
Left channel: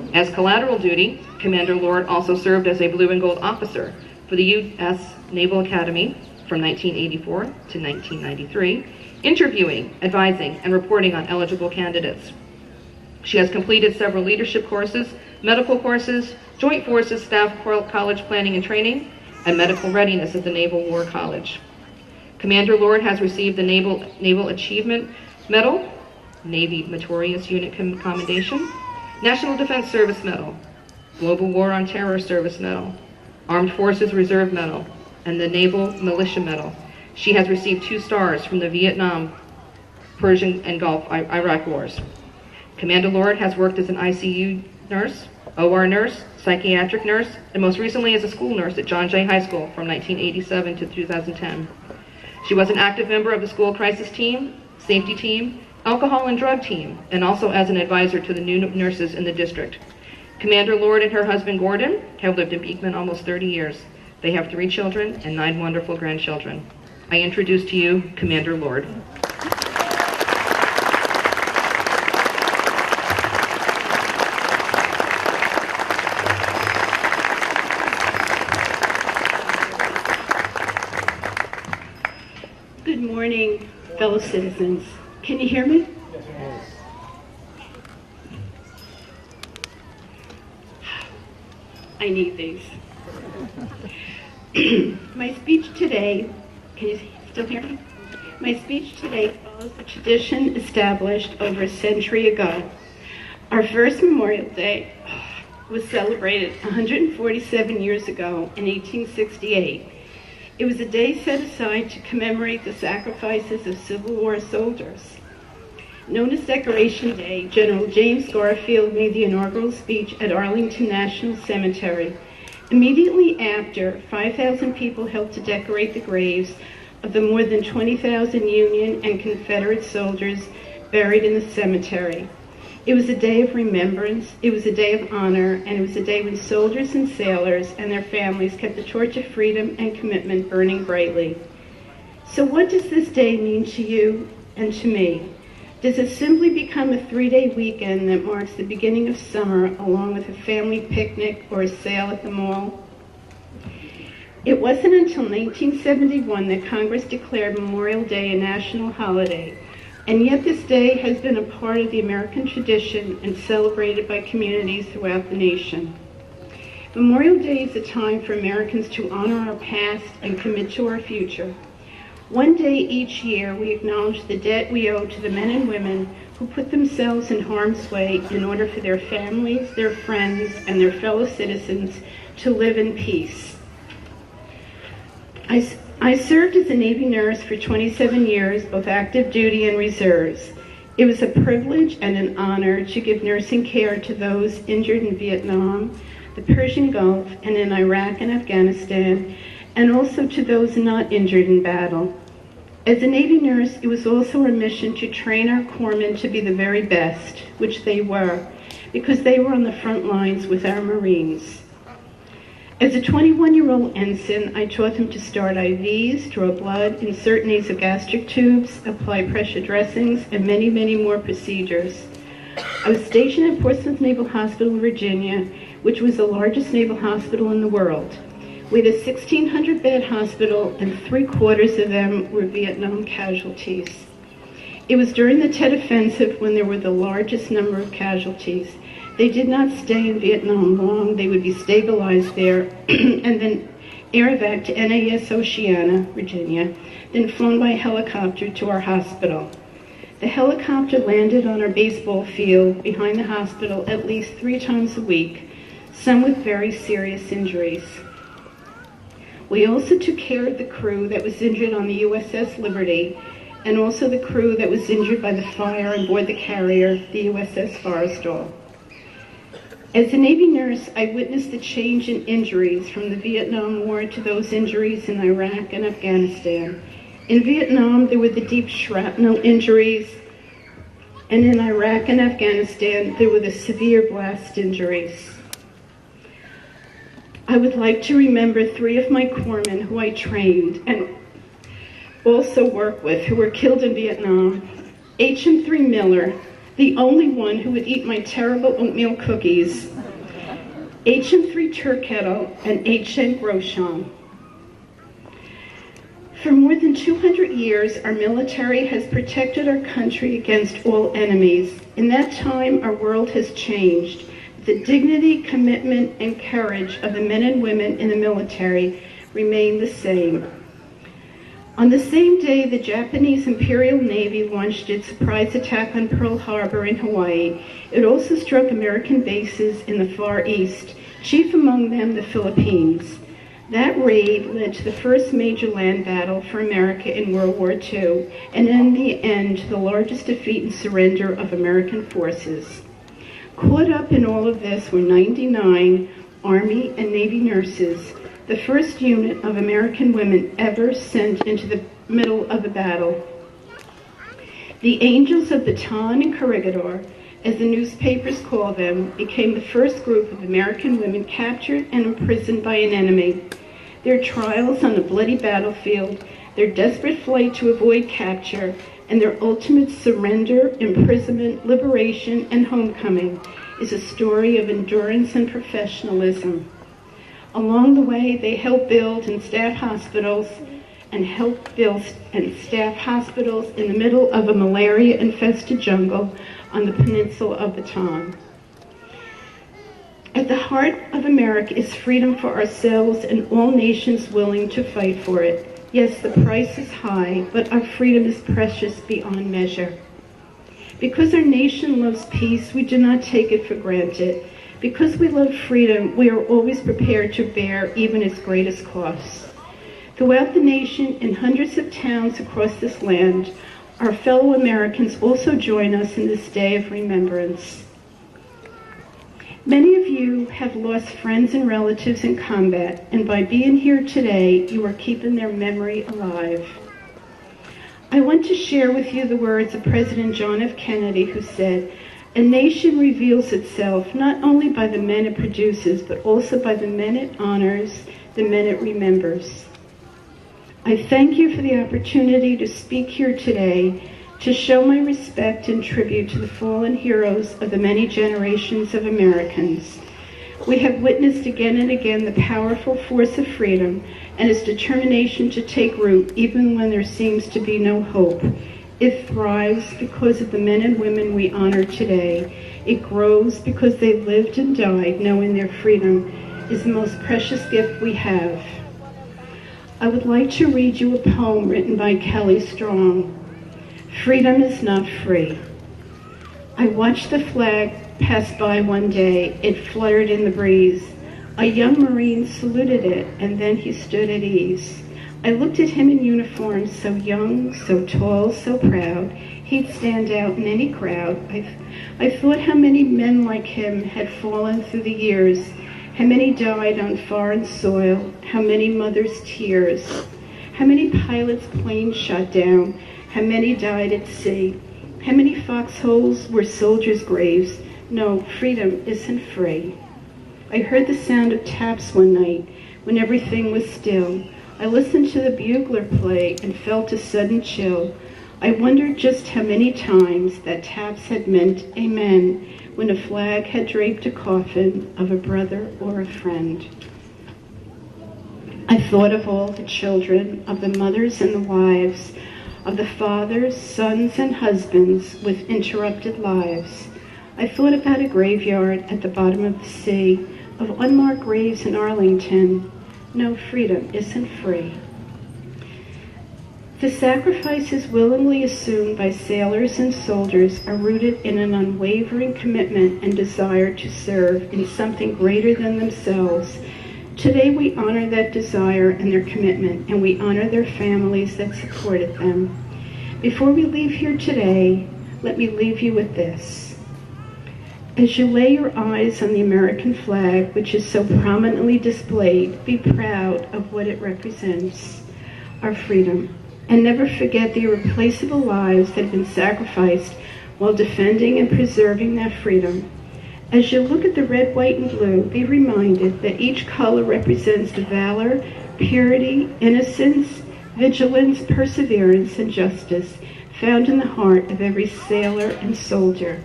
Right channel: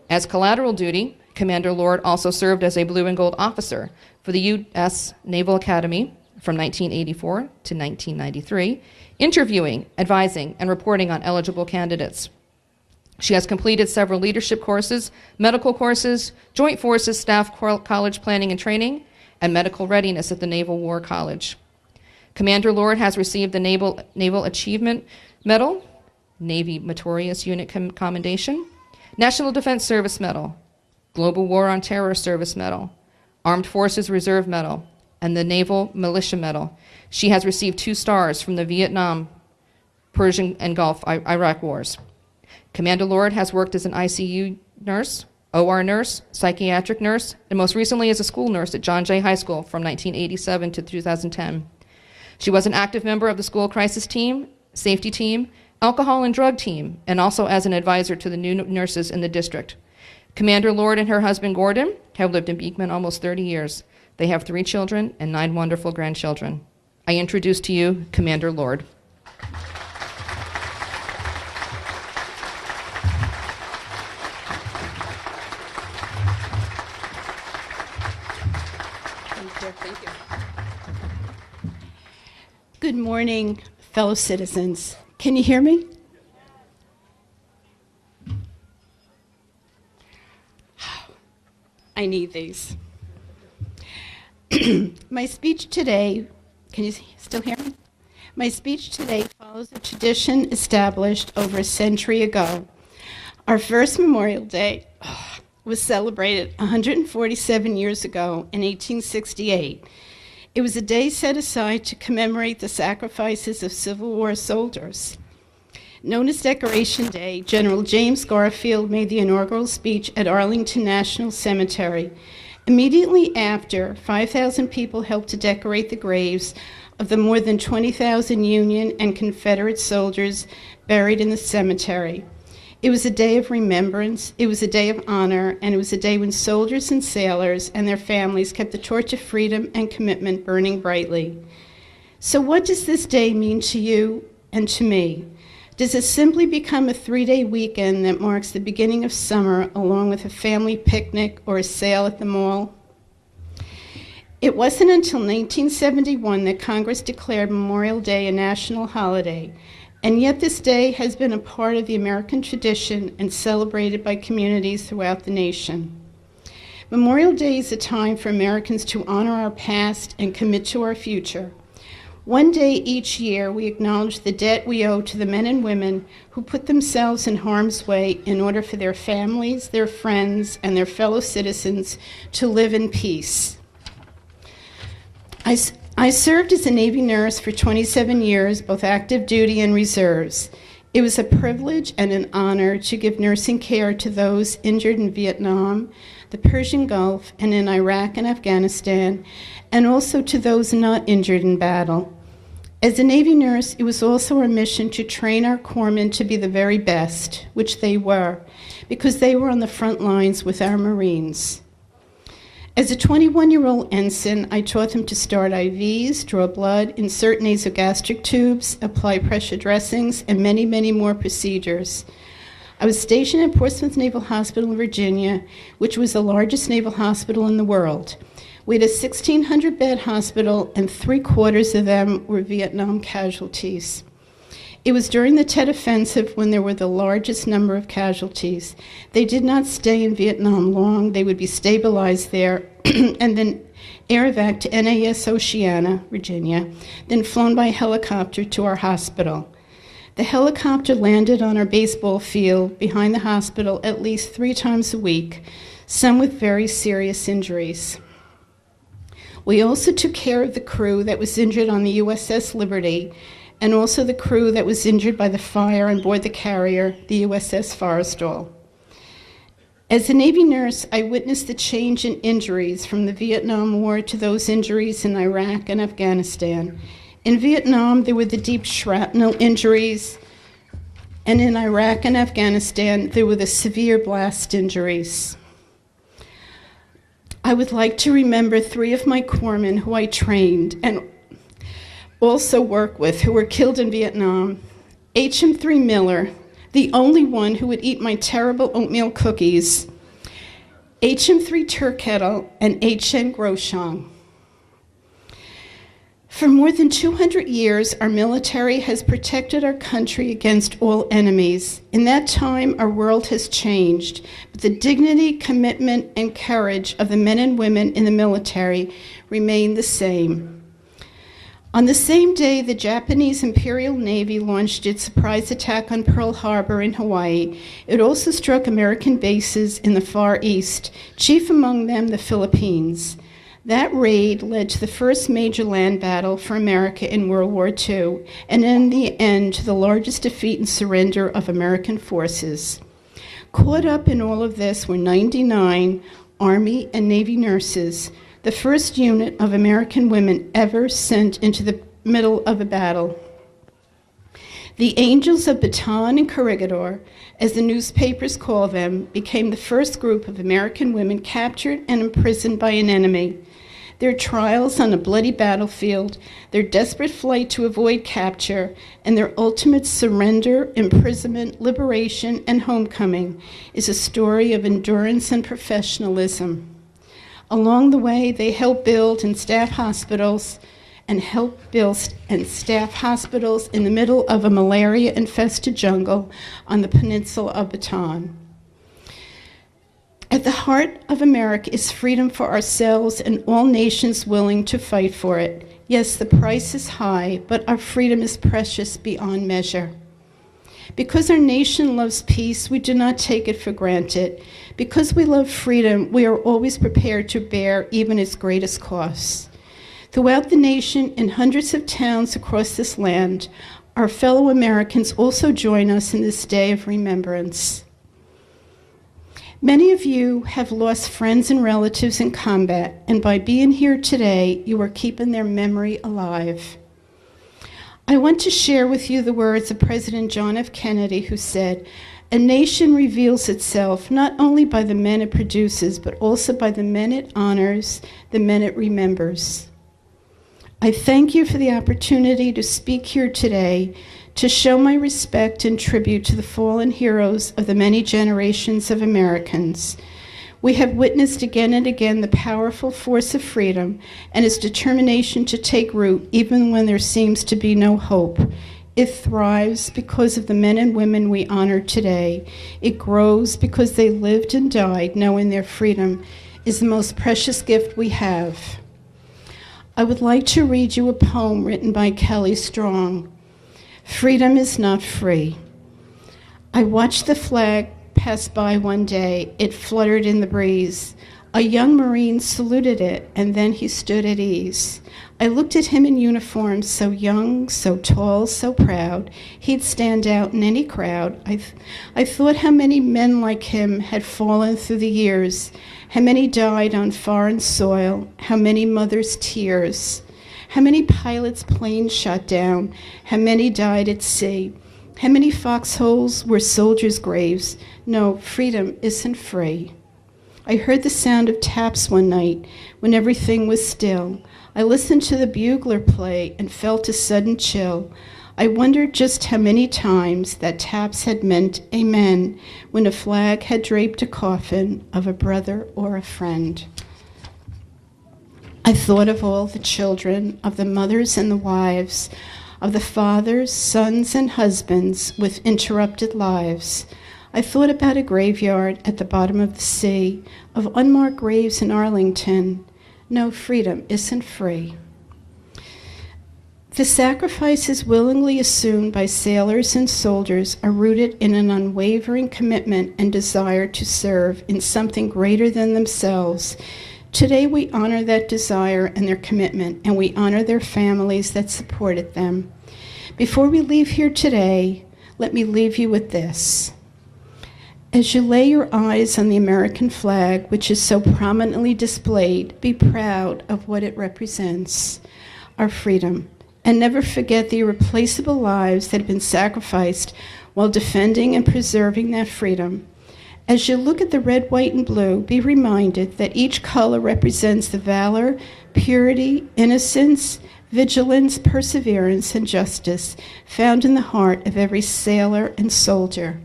As collateral duty, Commander Lord also served as a blue and gold officer for the U.S. Naval Academy from 1984 to 1993, interviewing, advising, and reporting on eligible candidates. She has completed several leadership courses, medical courses, Joint Forces Staff College Planning and Training, and medical readiness at the Naval War College. Commander Lord has received the Naval Achievement Medal, Navy Meritorious Unit Commendation, National Defense Service Medal, Global War on Terror Service Medal, Armed Forces Reserve Medal, and the Naval Militia Medal. She has received 2 stars from the Vietnam, Persian, and Gulf Iraq Wars. Commander Lord has worked as an ICU nurse, OR nurse, psychiatric nurse, and most recently as a school nurse at John Jay High School from 1987 to 2010. She was an active member of the school crisis team, safety team, alcohol and drug team, and also as an advisor to the new nurses in the district. Commander Lord and her husband Gordon have lived in Beekman almost 30 years. They have 3 children and 9 wonderful grandchildren. I introduce to you Commander Lord. Good morning, fellow citizens. Can you hear me? I need these. My speech today, can you still hear me? My speech today follows the tradition established over a century ago. Our first Memorial Day was celebrated 147 years ago in 1868. It was a day set aside to commemorate the sacrifices of Civil War soldiers. Known as Decoration Day, General James Garfield made the inaugural speech at Arlington National Cemetery. Immediately after, 5,000 people helped to decorate the graves of the more than 20,000 Union and Confederate soldiers buried in the cemetery. It was a day of remembrance, it was a day of honor, and it was a day when soldiers and sailors and their families kept the torch of freedom and commitment burning brightly. So what does this day mean to you and to me? Does it simply become a 3-day weekend that marks the beginning of summer along with a family picnic or a sail at the mall? It wasn't until 1971 that Congress declared Memorial Day a national holiday, and yet this day has been a part of the American tradition and celebrated by communities throughout the nation. Memorial Day is a time for Americans to honor our past and commit to our future. One day each year, we acknowledge the debt we owe to the men and women who put themselves in harm's way in order for their families, their friends, and their fellow citizens to live in peace. I served as a Navy nurse for 27 years, both active duty and reserves. It was a privilege and an honor to give nursing care to those injured in Vietnam, the Persian Gulf, and in Iraq and Afghanistan, and also to those not injured in battle. As a Navy nurse, it was also our mission to train our corpsmen to be the very best, which they were, because they were on the front lines with our Marines. As a 21-year-old ensign, I taught them to start IVs, draw blood, insert nasogastric tubes, apply pressure dressings, and many, many more procedures. I was stationed at Portsmouth Naval Hospital in Virginia, which was the largest naval hospital in the world. We had a 1,600-bed hospital, and 3/4 of them were Vietnam casualties. It was during the Tet Offensive when there were the largest number of casualties. They did not stay in Vietnam long. They would be stabilized there and then air evac to NAS Oceana, Virginia, then flown by helicopter to our hospital. The helicopter landed on our baseball field behind the hospital at least 3 times a week, some with very serious injuries. We also took care of the crew that was injured on the USS Liberty, and also the crew that was injured by the fire on board the carrier, the USS Forrestal. As a Navy nurse, I witnessed the change in injuries from the Vietnam War to those injuries in Iraq and Afghanistan. In Vietnam, there were the deep shrapnel injuries, and in Iraq and Afghanistan, there were the severe blast injuries. I would like to remember 3 of my corpsmen who I trained and also worked with who were killed in Vietnam. HM3 Miller, the only one who would eat my terrible oatmeal cookies. HM3 Turkettle and HN Grosham. For more than 200 years, our military has protected our country against all enemies. In that time, our world has changed. The dignity, commitment, and courage of the men and women in the military remain the same. On the same day, the Japanese Imperial Navy launched its surprise attack on Pearl Harbor in Hawaii. It also struck American bases in the Far East, chief among them the Philippines. That raid led to the first major land battle for America in World War II, and in the end, to the largest defeat and surrender of American forces. Caught up in all of this were 99 Army and Navy nurses, the first unit of American women ever sent into the middle of a battle. The Angels of Bataan and Corregidor, as the newspapers call them, became the first group of American women captured and imprisoned by an enemy. Their trials on a bloody battlefield, their desperate flight to avoid capture, and their ultimate surrender, imprisonment, liberation, and homecoming is a story of endurance and professionalism. Along the way, they helped build and staff hospitals in the middle of a malaria-infested jungle on the peninsula of Bataan. At the heart of America is freedom for ourselves and all nations willing to fight for it. Yes, the price is high, but our freedom is precious beyond measure. Because our nation loves peace, we do not take it for granted. Because we love freedom, we are always prepared to bear even its greatest costs. Throughout the nation, in hundreds of towns across this land, our fellow Americans also join us in this day of remembrance. Many of you have lost friends and relatives in combat, and by being here today, you are keeping their memory alive. I want to share with you the words of President John F. Kennedy, who said, "A nation reveals itself not only by the men it produces, but also by the men it honors, the men it remembers." I thank you for the opportunity to speak here today to show my respect and tribute to the fallen heroes of the many generations of Americans. We have witnessed again and again the powerful force of freedom and its determination to take root even when there seems to be no hope. It thrives because of the men and women we honor today. It grows because they lived and died knowing their freedom is the most precious gift we have. I would like to read you a poem written by Kelly Strong. Freedom is not free. I watched the flag pass by one day. It fluttered in the breeze. A young Marine saluted it, and then he stood at ease. I looked at him in uniform, so young, so tall, so proud. He'd stand out in any crowd. I thought how many men like him had fallen through the years, how many died on foreign soil, how many mothers' tears, how many pilots' planes shot down, how many died at sea, how many foxholes were soldiers' graves. No, freedom isn't free. I heard the sound of taps one night when everything was still. I listened to the bugler play and felt a sudden chill. I wondered just how many times that taps had meant amen when a flag had draped a coffin of a brother or a friend. I thought of all the children, of the mothers and the wives, of the fathers, sons, and husbands with interrupted lives. I thought about a graveyard at the bottom of the sea, of unmarked graves in Arlington. No, freedom isn't free. The sacrifices willingly assumed by sailors and soldiers are rooted in an unwavering commitment and desire to serve in something greater than themselves. Today we honor that desire and their commitment, and we honor their families that supported them. Before we leave here today, let me leave you with this. As you lay your eyes on the American flag, which is so prominently displayed, be proud of what it represents, our freedom, and never forget the irreplaceable lives that have been sacrificed while defending and preserving that freedom. As you look at the red, white, and blue, be reminded that each color represents the valor, purity, innocence, vigilance, perseverance, and justice found in the heart of every sailor and soldier.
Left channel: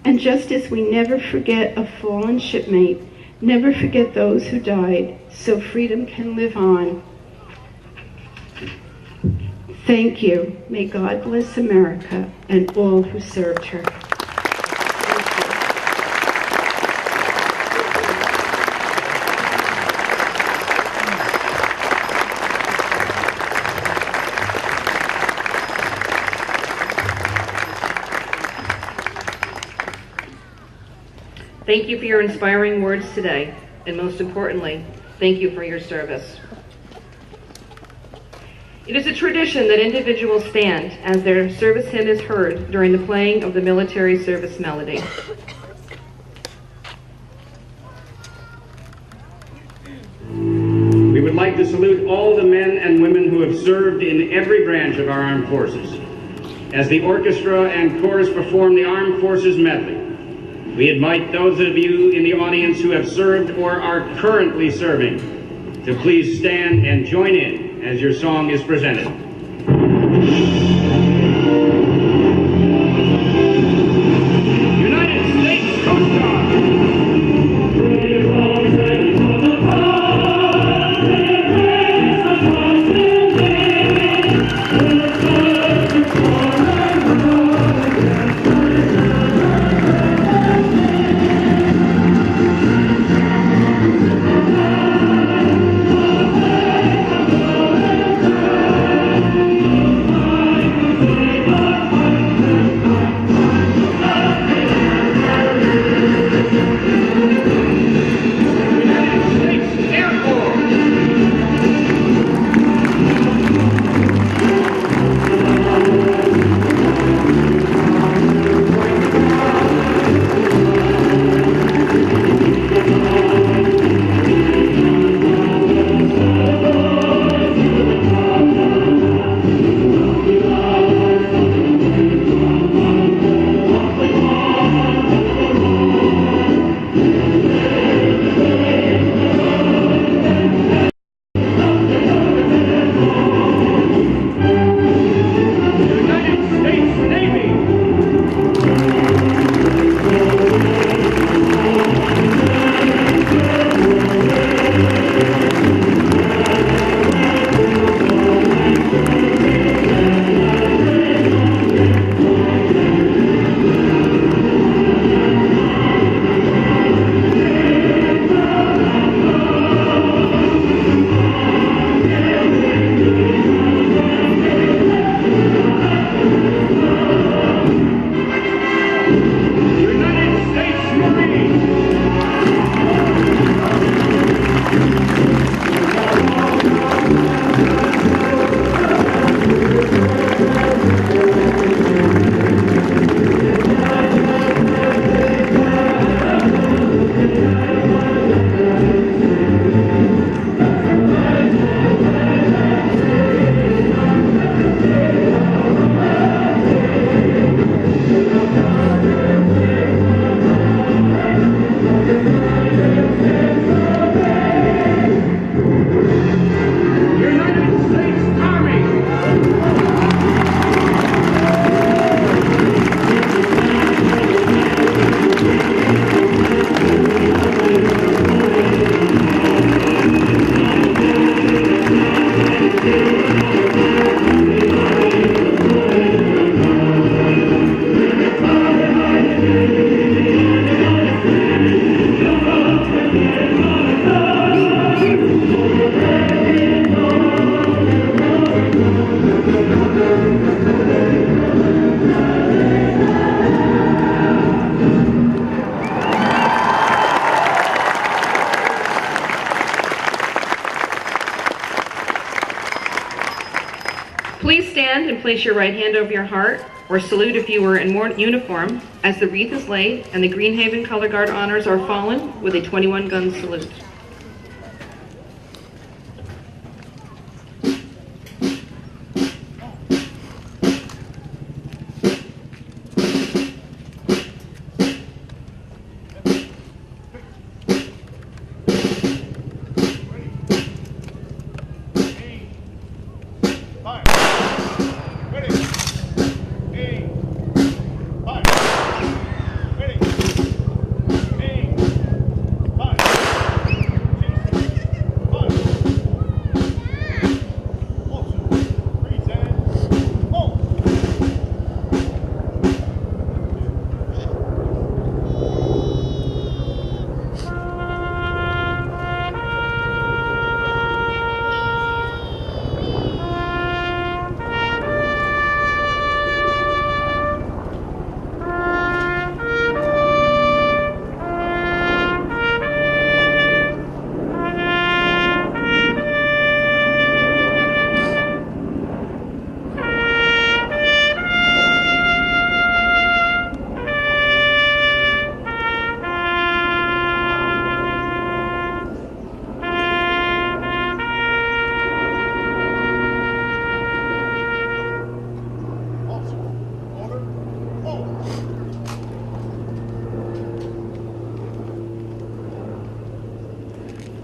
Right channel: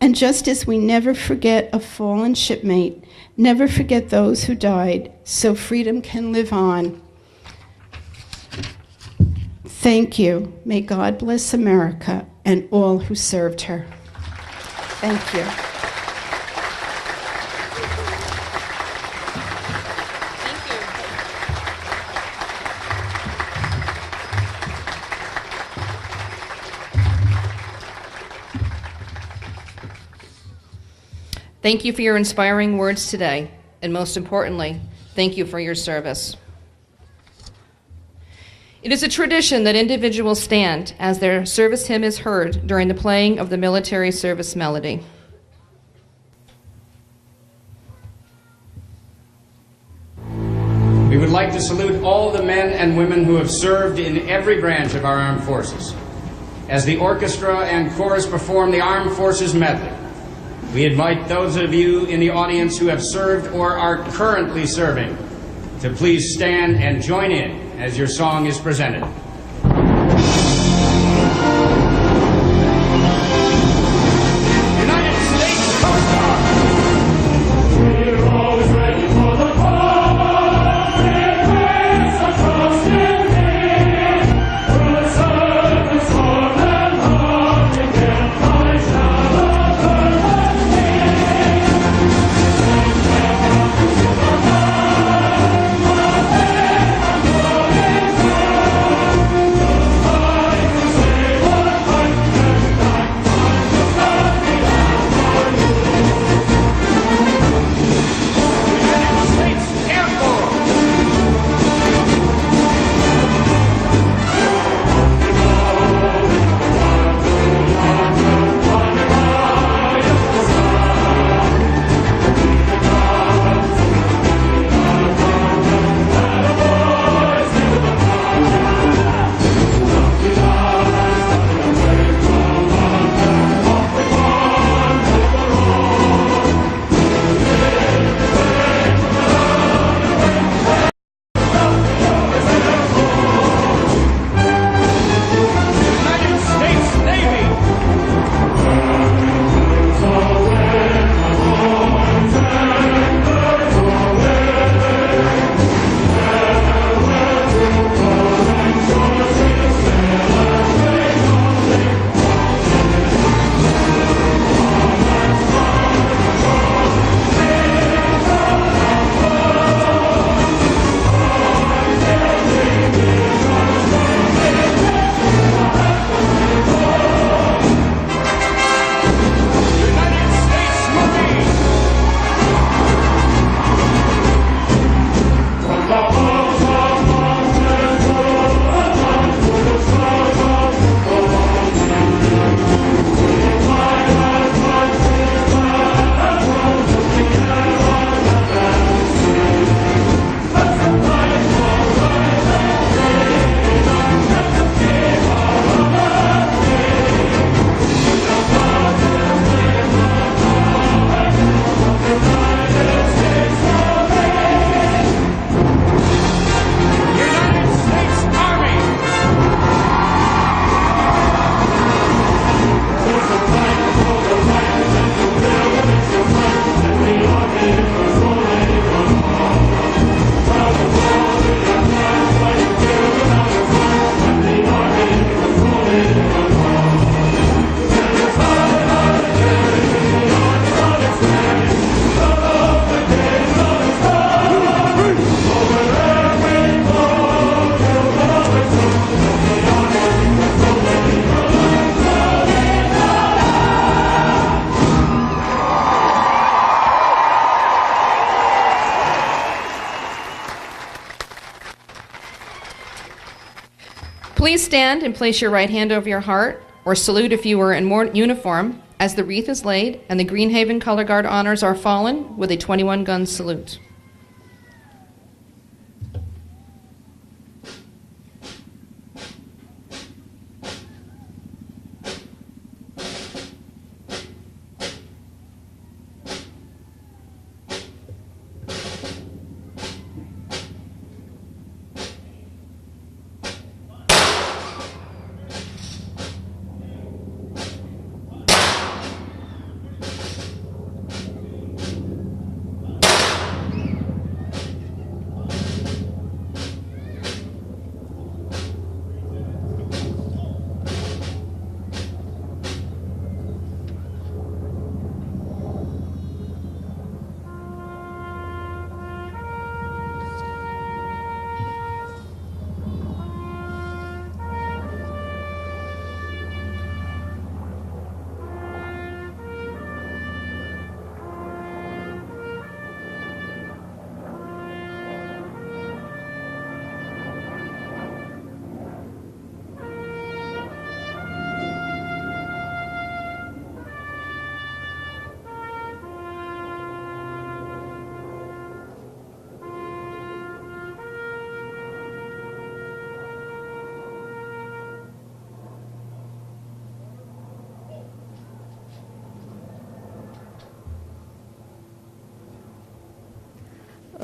And just as we never forget a fallen shipmate, never forget those who died, so freedom can live on. Thank you. May God bless America and all who served her. Thank you. Thank you for your inspiring words today, and most importantly, thank you for your service. It is a tradition that individuals stand as their service hymn is heard during the playing of the military service melody. We would like to salute all the men and women who have served in every branch of our armed forces. As the orchestra and chorus perform the Armed Forces Medley, we invite those of you in the audience who have served or are currently serving to please stand and join in as your song is presented. stand and place your right hand over your heart, or salute if you were in uniform, as the wreath is laid and the Greenhaven Color Guard honors our fallen with a 21-gun salute.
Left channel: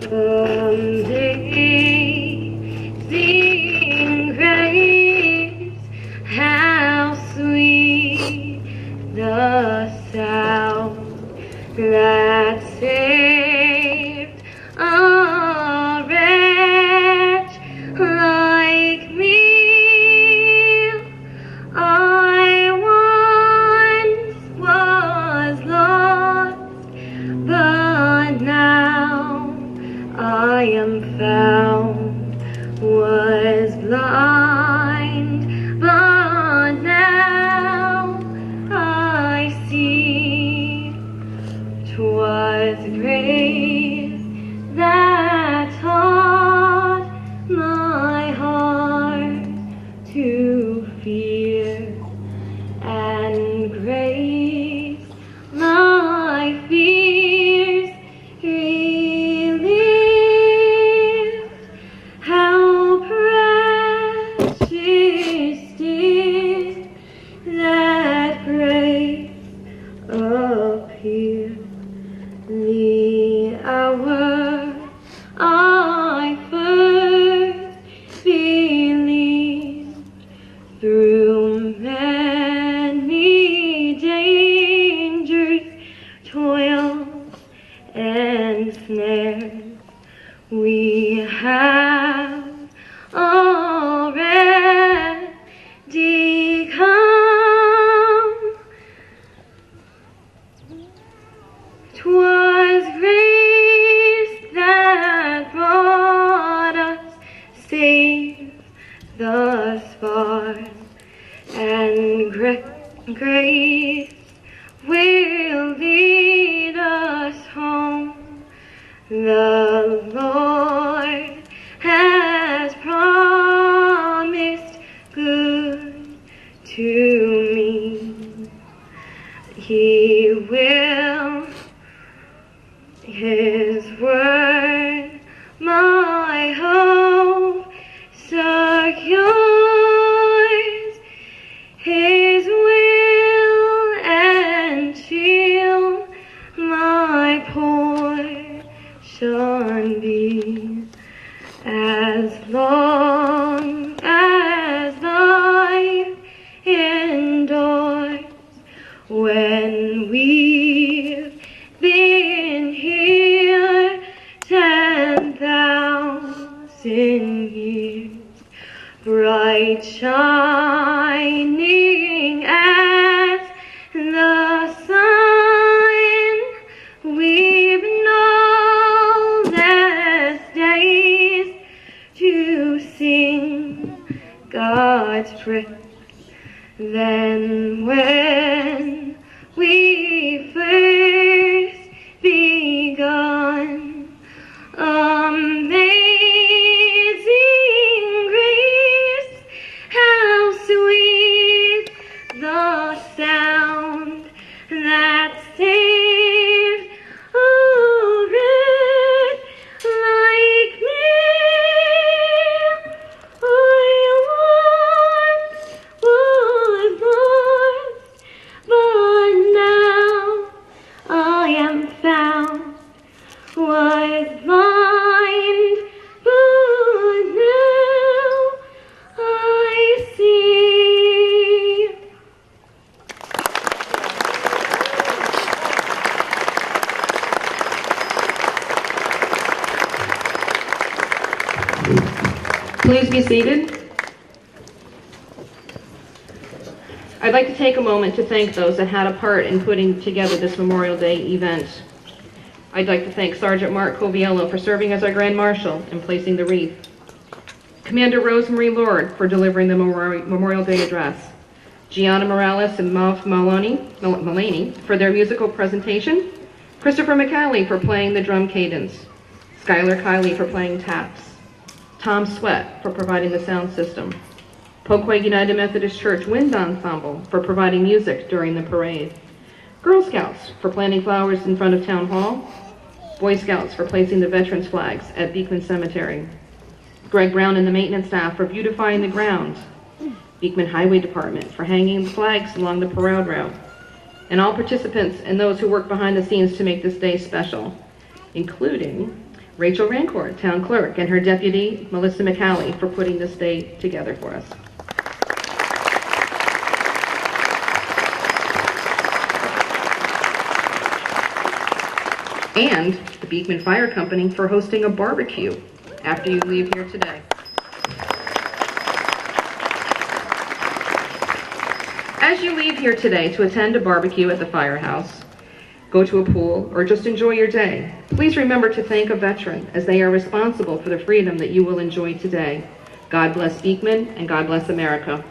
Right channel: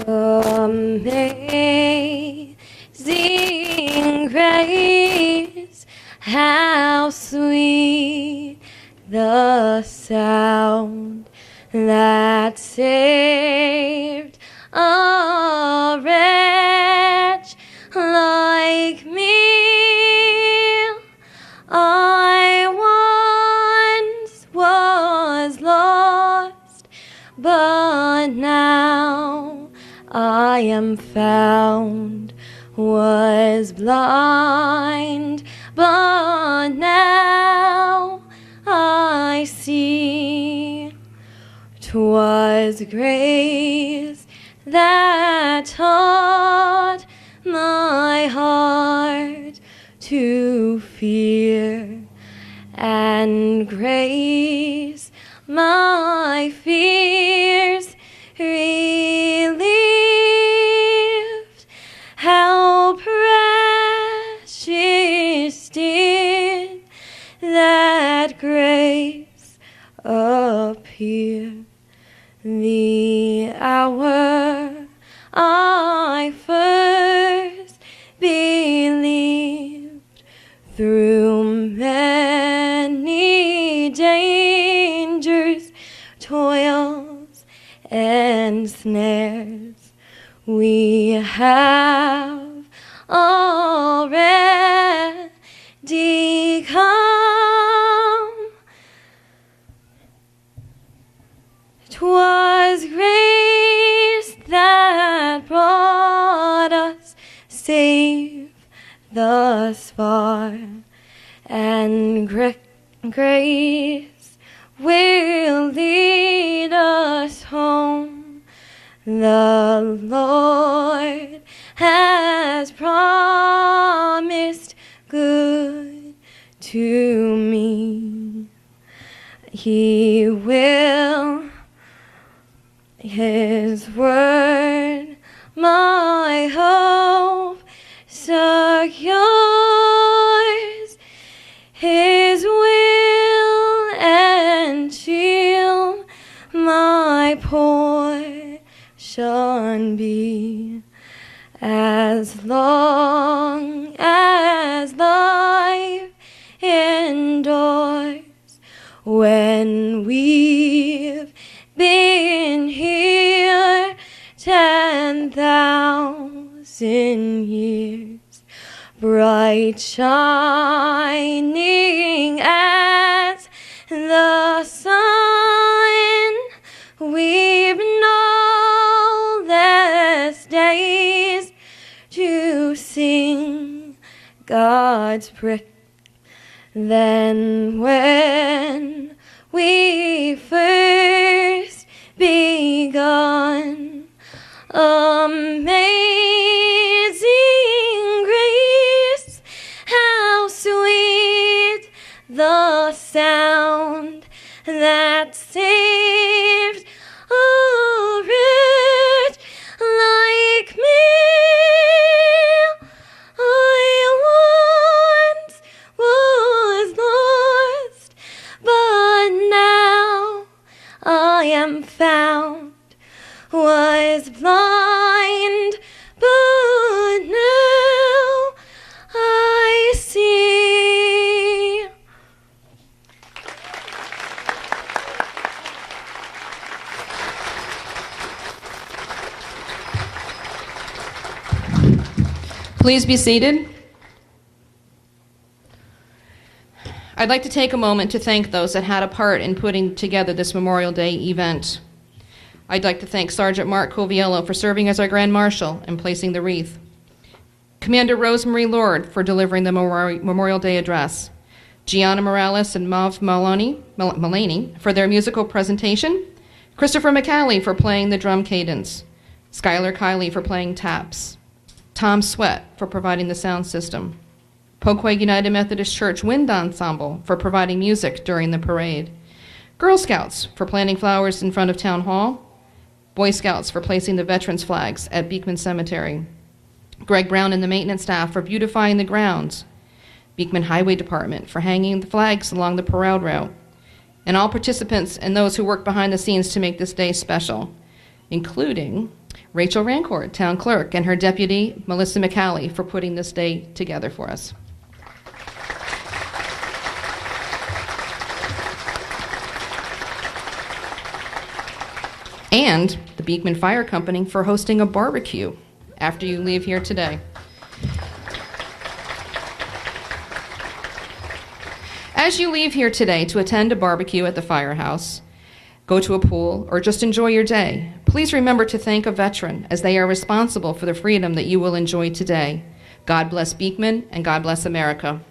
Amazing grace, how sweet the sound that saved a wretch like me. I once was lost, but now I am found, was blind, but now I see. 'Twas grace that taught my heart to fear, and grace my fears relieved. How precious did that grace appear, the hour I first believed. Through many dangers, toils, and snares, we have already come. 'Twas grace that brought us safe thus far, and grace will lead us home. The Lord has promised good to me. He will, His word, my hope secures. His will and shield my portion be, as long as life endures. When we've been here 10,000 years, bright shining as the sun, we've known less days to sing God's praise than when we first begun. Amazing grace, how sweet Please be seated. I'd like to take a moment to thank those that had a part in putting together this Memorial Day event. I'd like to thank Sergeant Mark Coviello for serving as our Grand Marshal and placing the wreath. Commander Rosemary Lord for delivering the Memorial Day address. Gianna Morales and Mav Mullaney for their musical presentation. Christopher McCallie for playing the drum cadence. Skylar Kiley for playing taps. Tom Sweat for providing the sound system. Poquay United Methodist Church Wind Ensemble for providing music during the parade. Girl Scouts for planting flowers in front of Town Hall. Boy Scouts for placing the veterans flags at Beekman Cemetery. Greg Brown and the maintenance staff for beautifying the grounds. Beekman Highway Department for hanging flags along the parade route. And all participants and those who work behind the scenes to make this day special, including Rachel Rancourt, Town Clerk, and her deputy, Melissa McCallie, for putting this day together for us. And the Beekman Fire Company for hosting a barbecue after you leave here today. As you leave here today to attend a barbecue at the firehouse, go to a pool, or just enjoy your day, please remember to thank a veteran, as they are responsible for the freedom that you will enjoy today. God bless Beekman, and God bless America.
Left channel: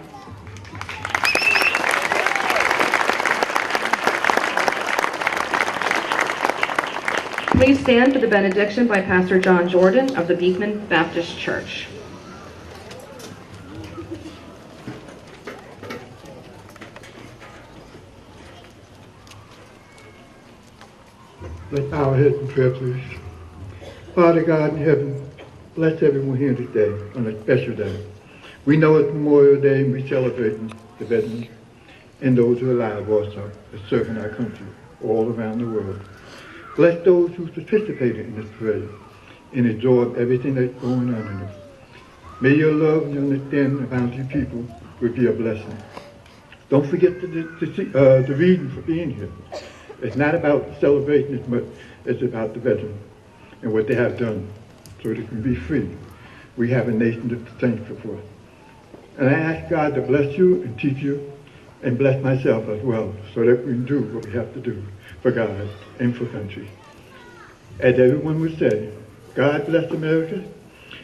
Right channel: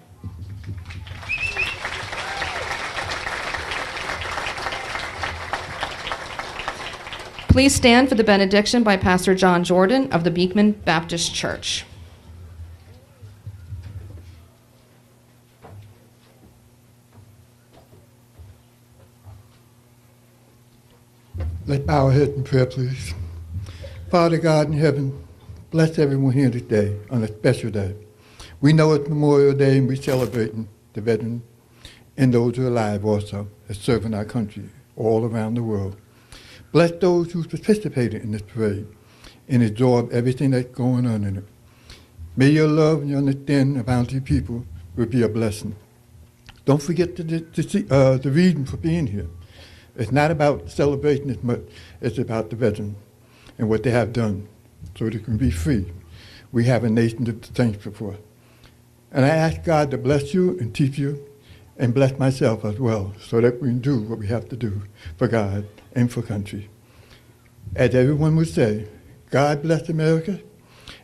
Please stand for the benediction by Pastor John Jordan of the Beekman Baptist Church. Let's bow our heads in prayer, please. Father God in heaven, bless everyone here today on a special day. We know it's Memorial Day and we're celebrating the veterans and those who are alive also, are serving our country all around the world. Bless those who participated in this parade and absorb everything that's going on in it. May your love and understanding about your people will be a blessing. Don't forget the reason for being here. It's not about celebrating it, but it's about the veterans and what they have done so they can be free. We have a nation to thank you for. And I ask God to bless you and teach you and bless myself as well so that we can do what we have to do for God and for country. As everyone would say, God bless America,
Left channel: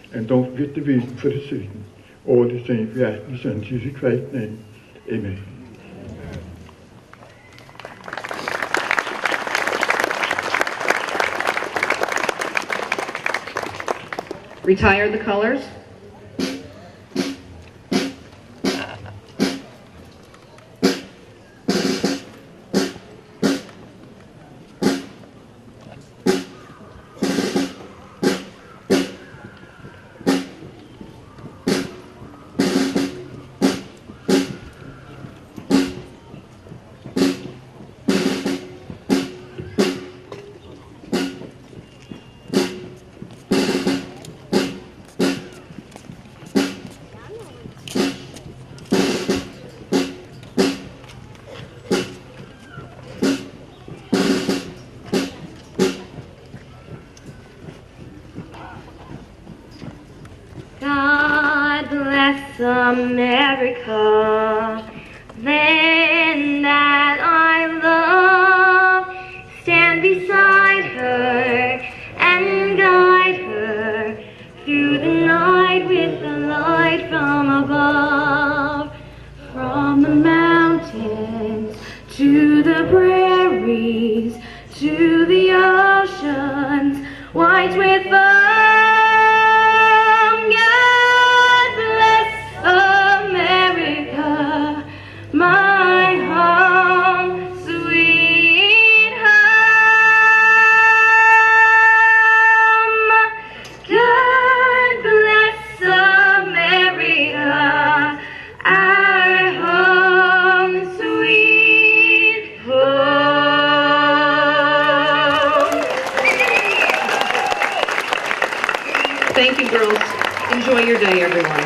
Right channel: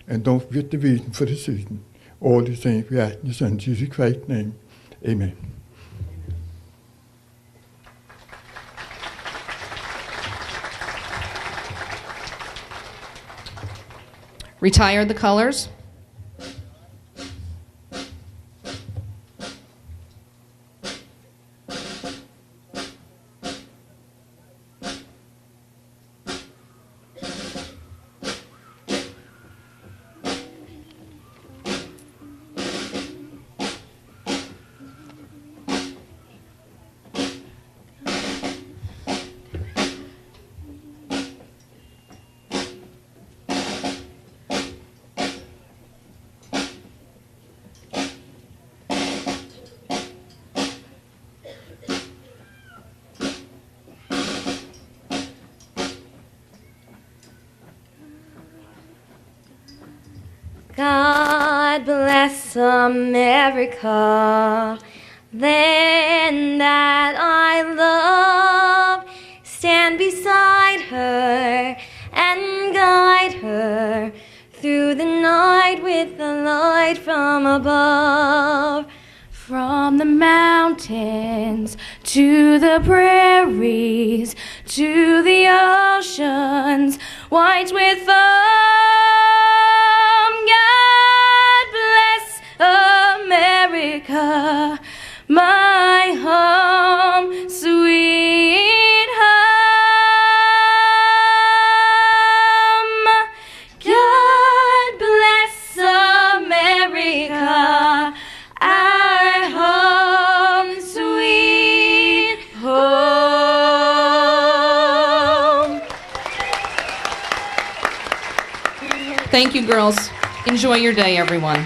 and don't forget the reason for the season. All the things we ask in the Son, Jesus Christ's name. Amen. Retire the colors. God bless America, land that I love. Stand beside her and guide her through the night with the light from above. From the mountains to the prairies to the oceans, white with foam. Thank you, girls. Enjoy your day, everyone.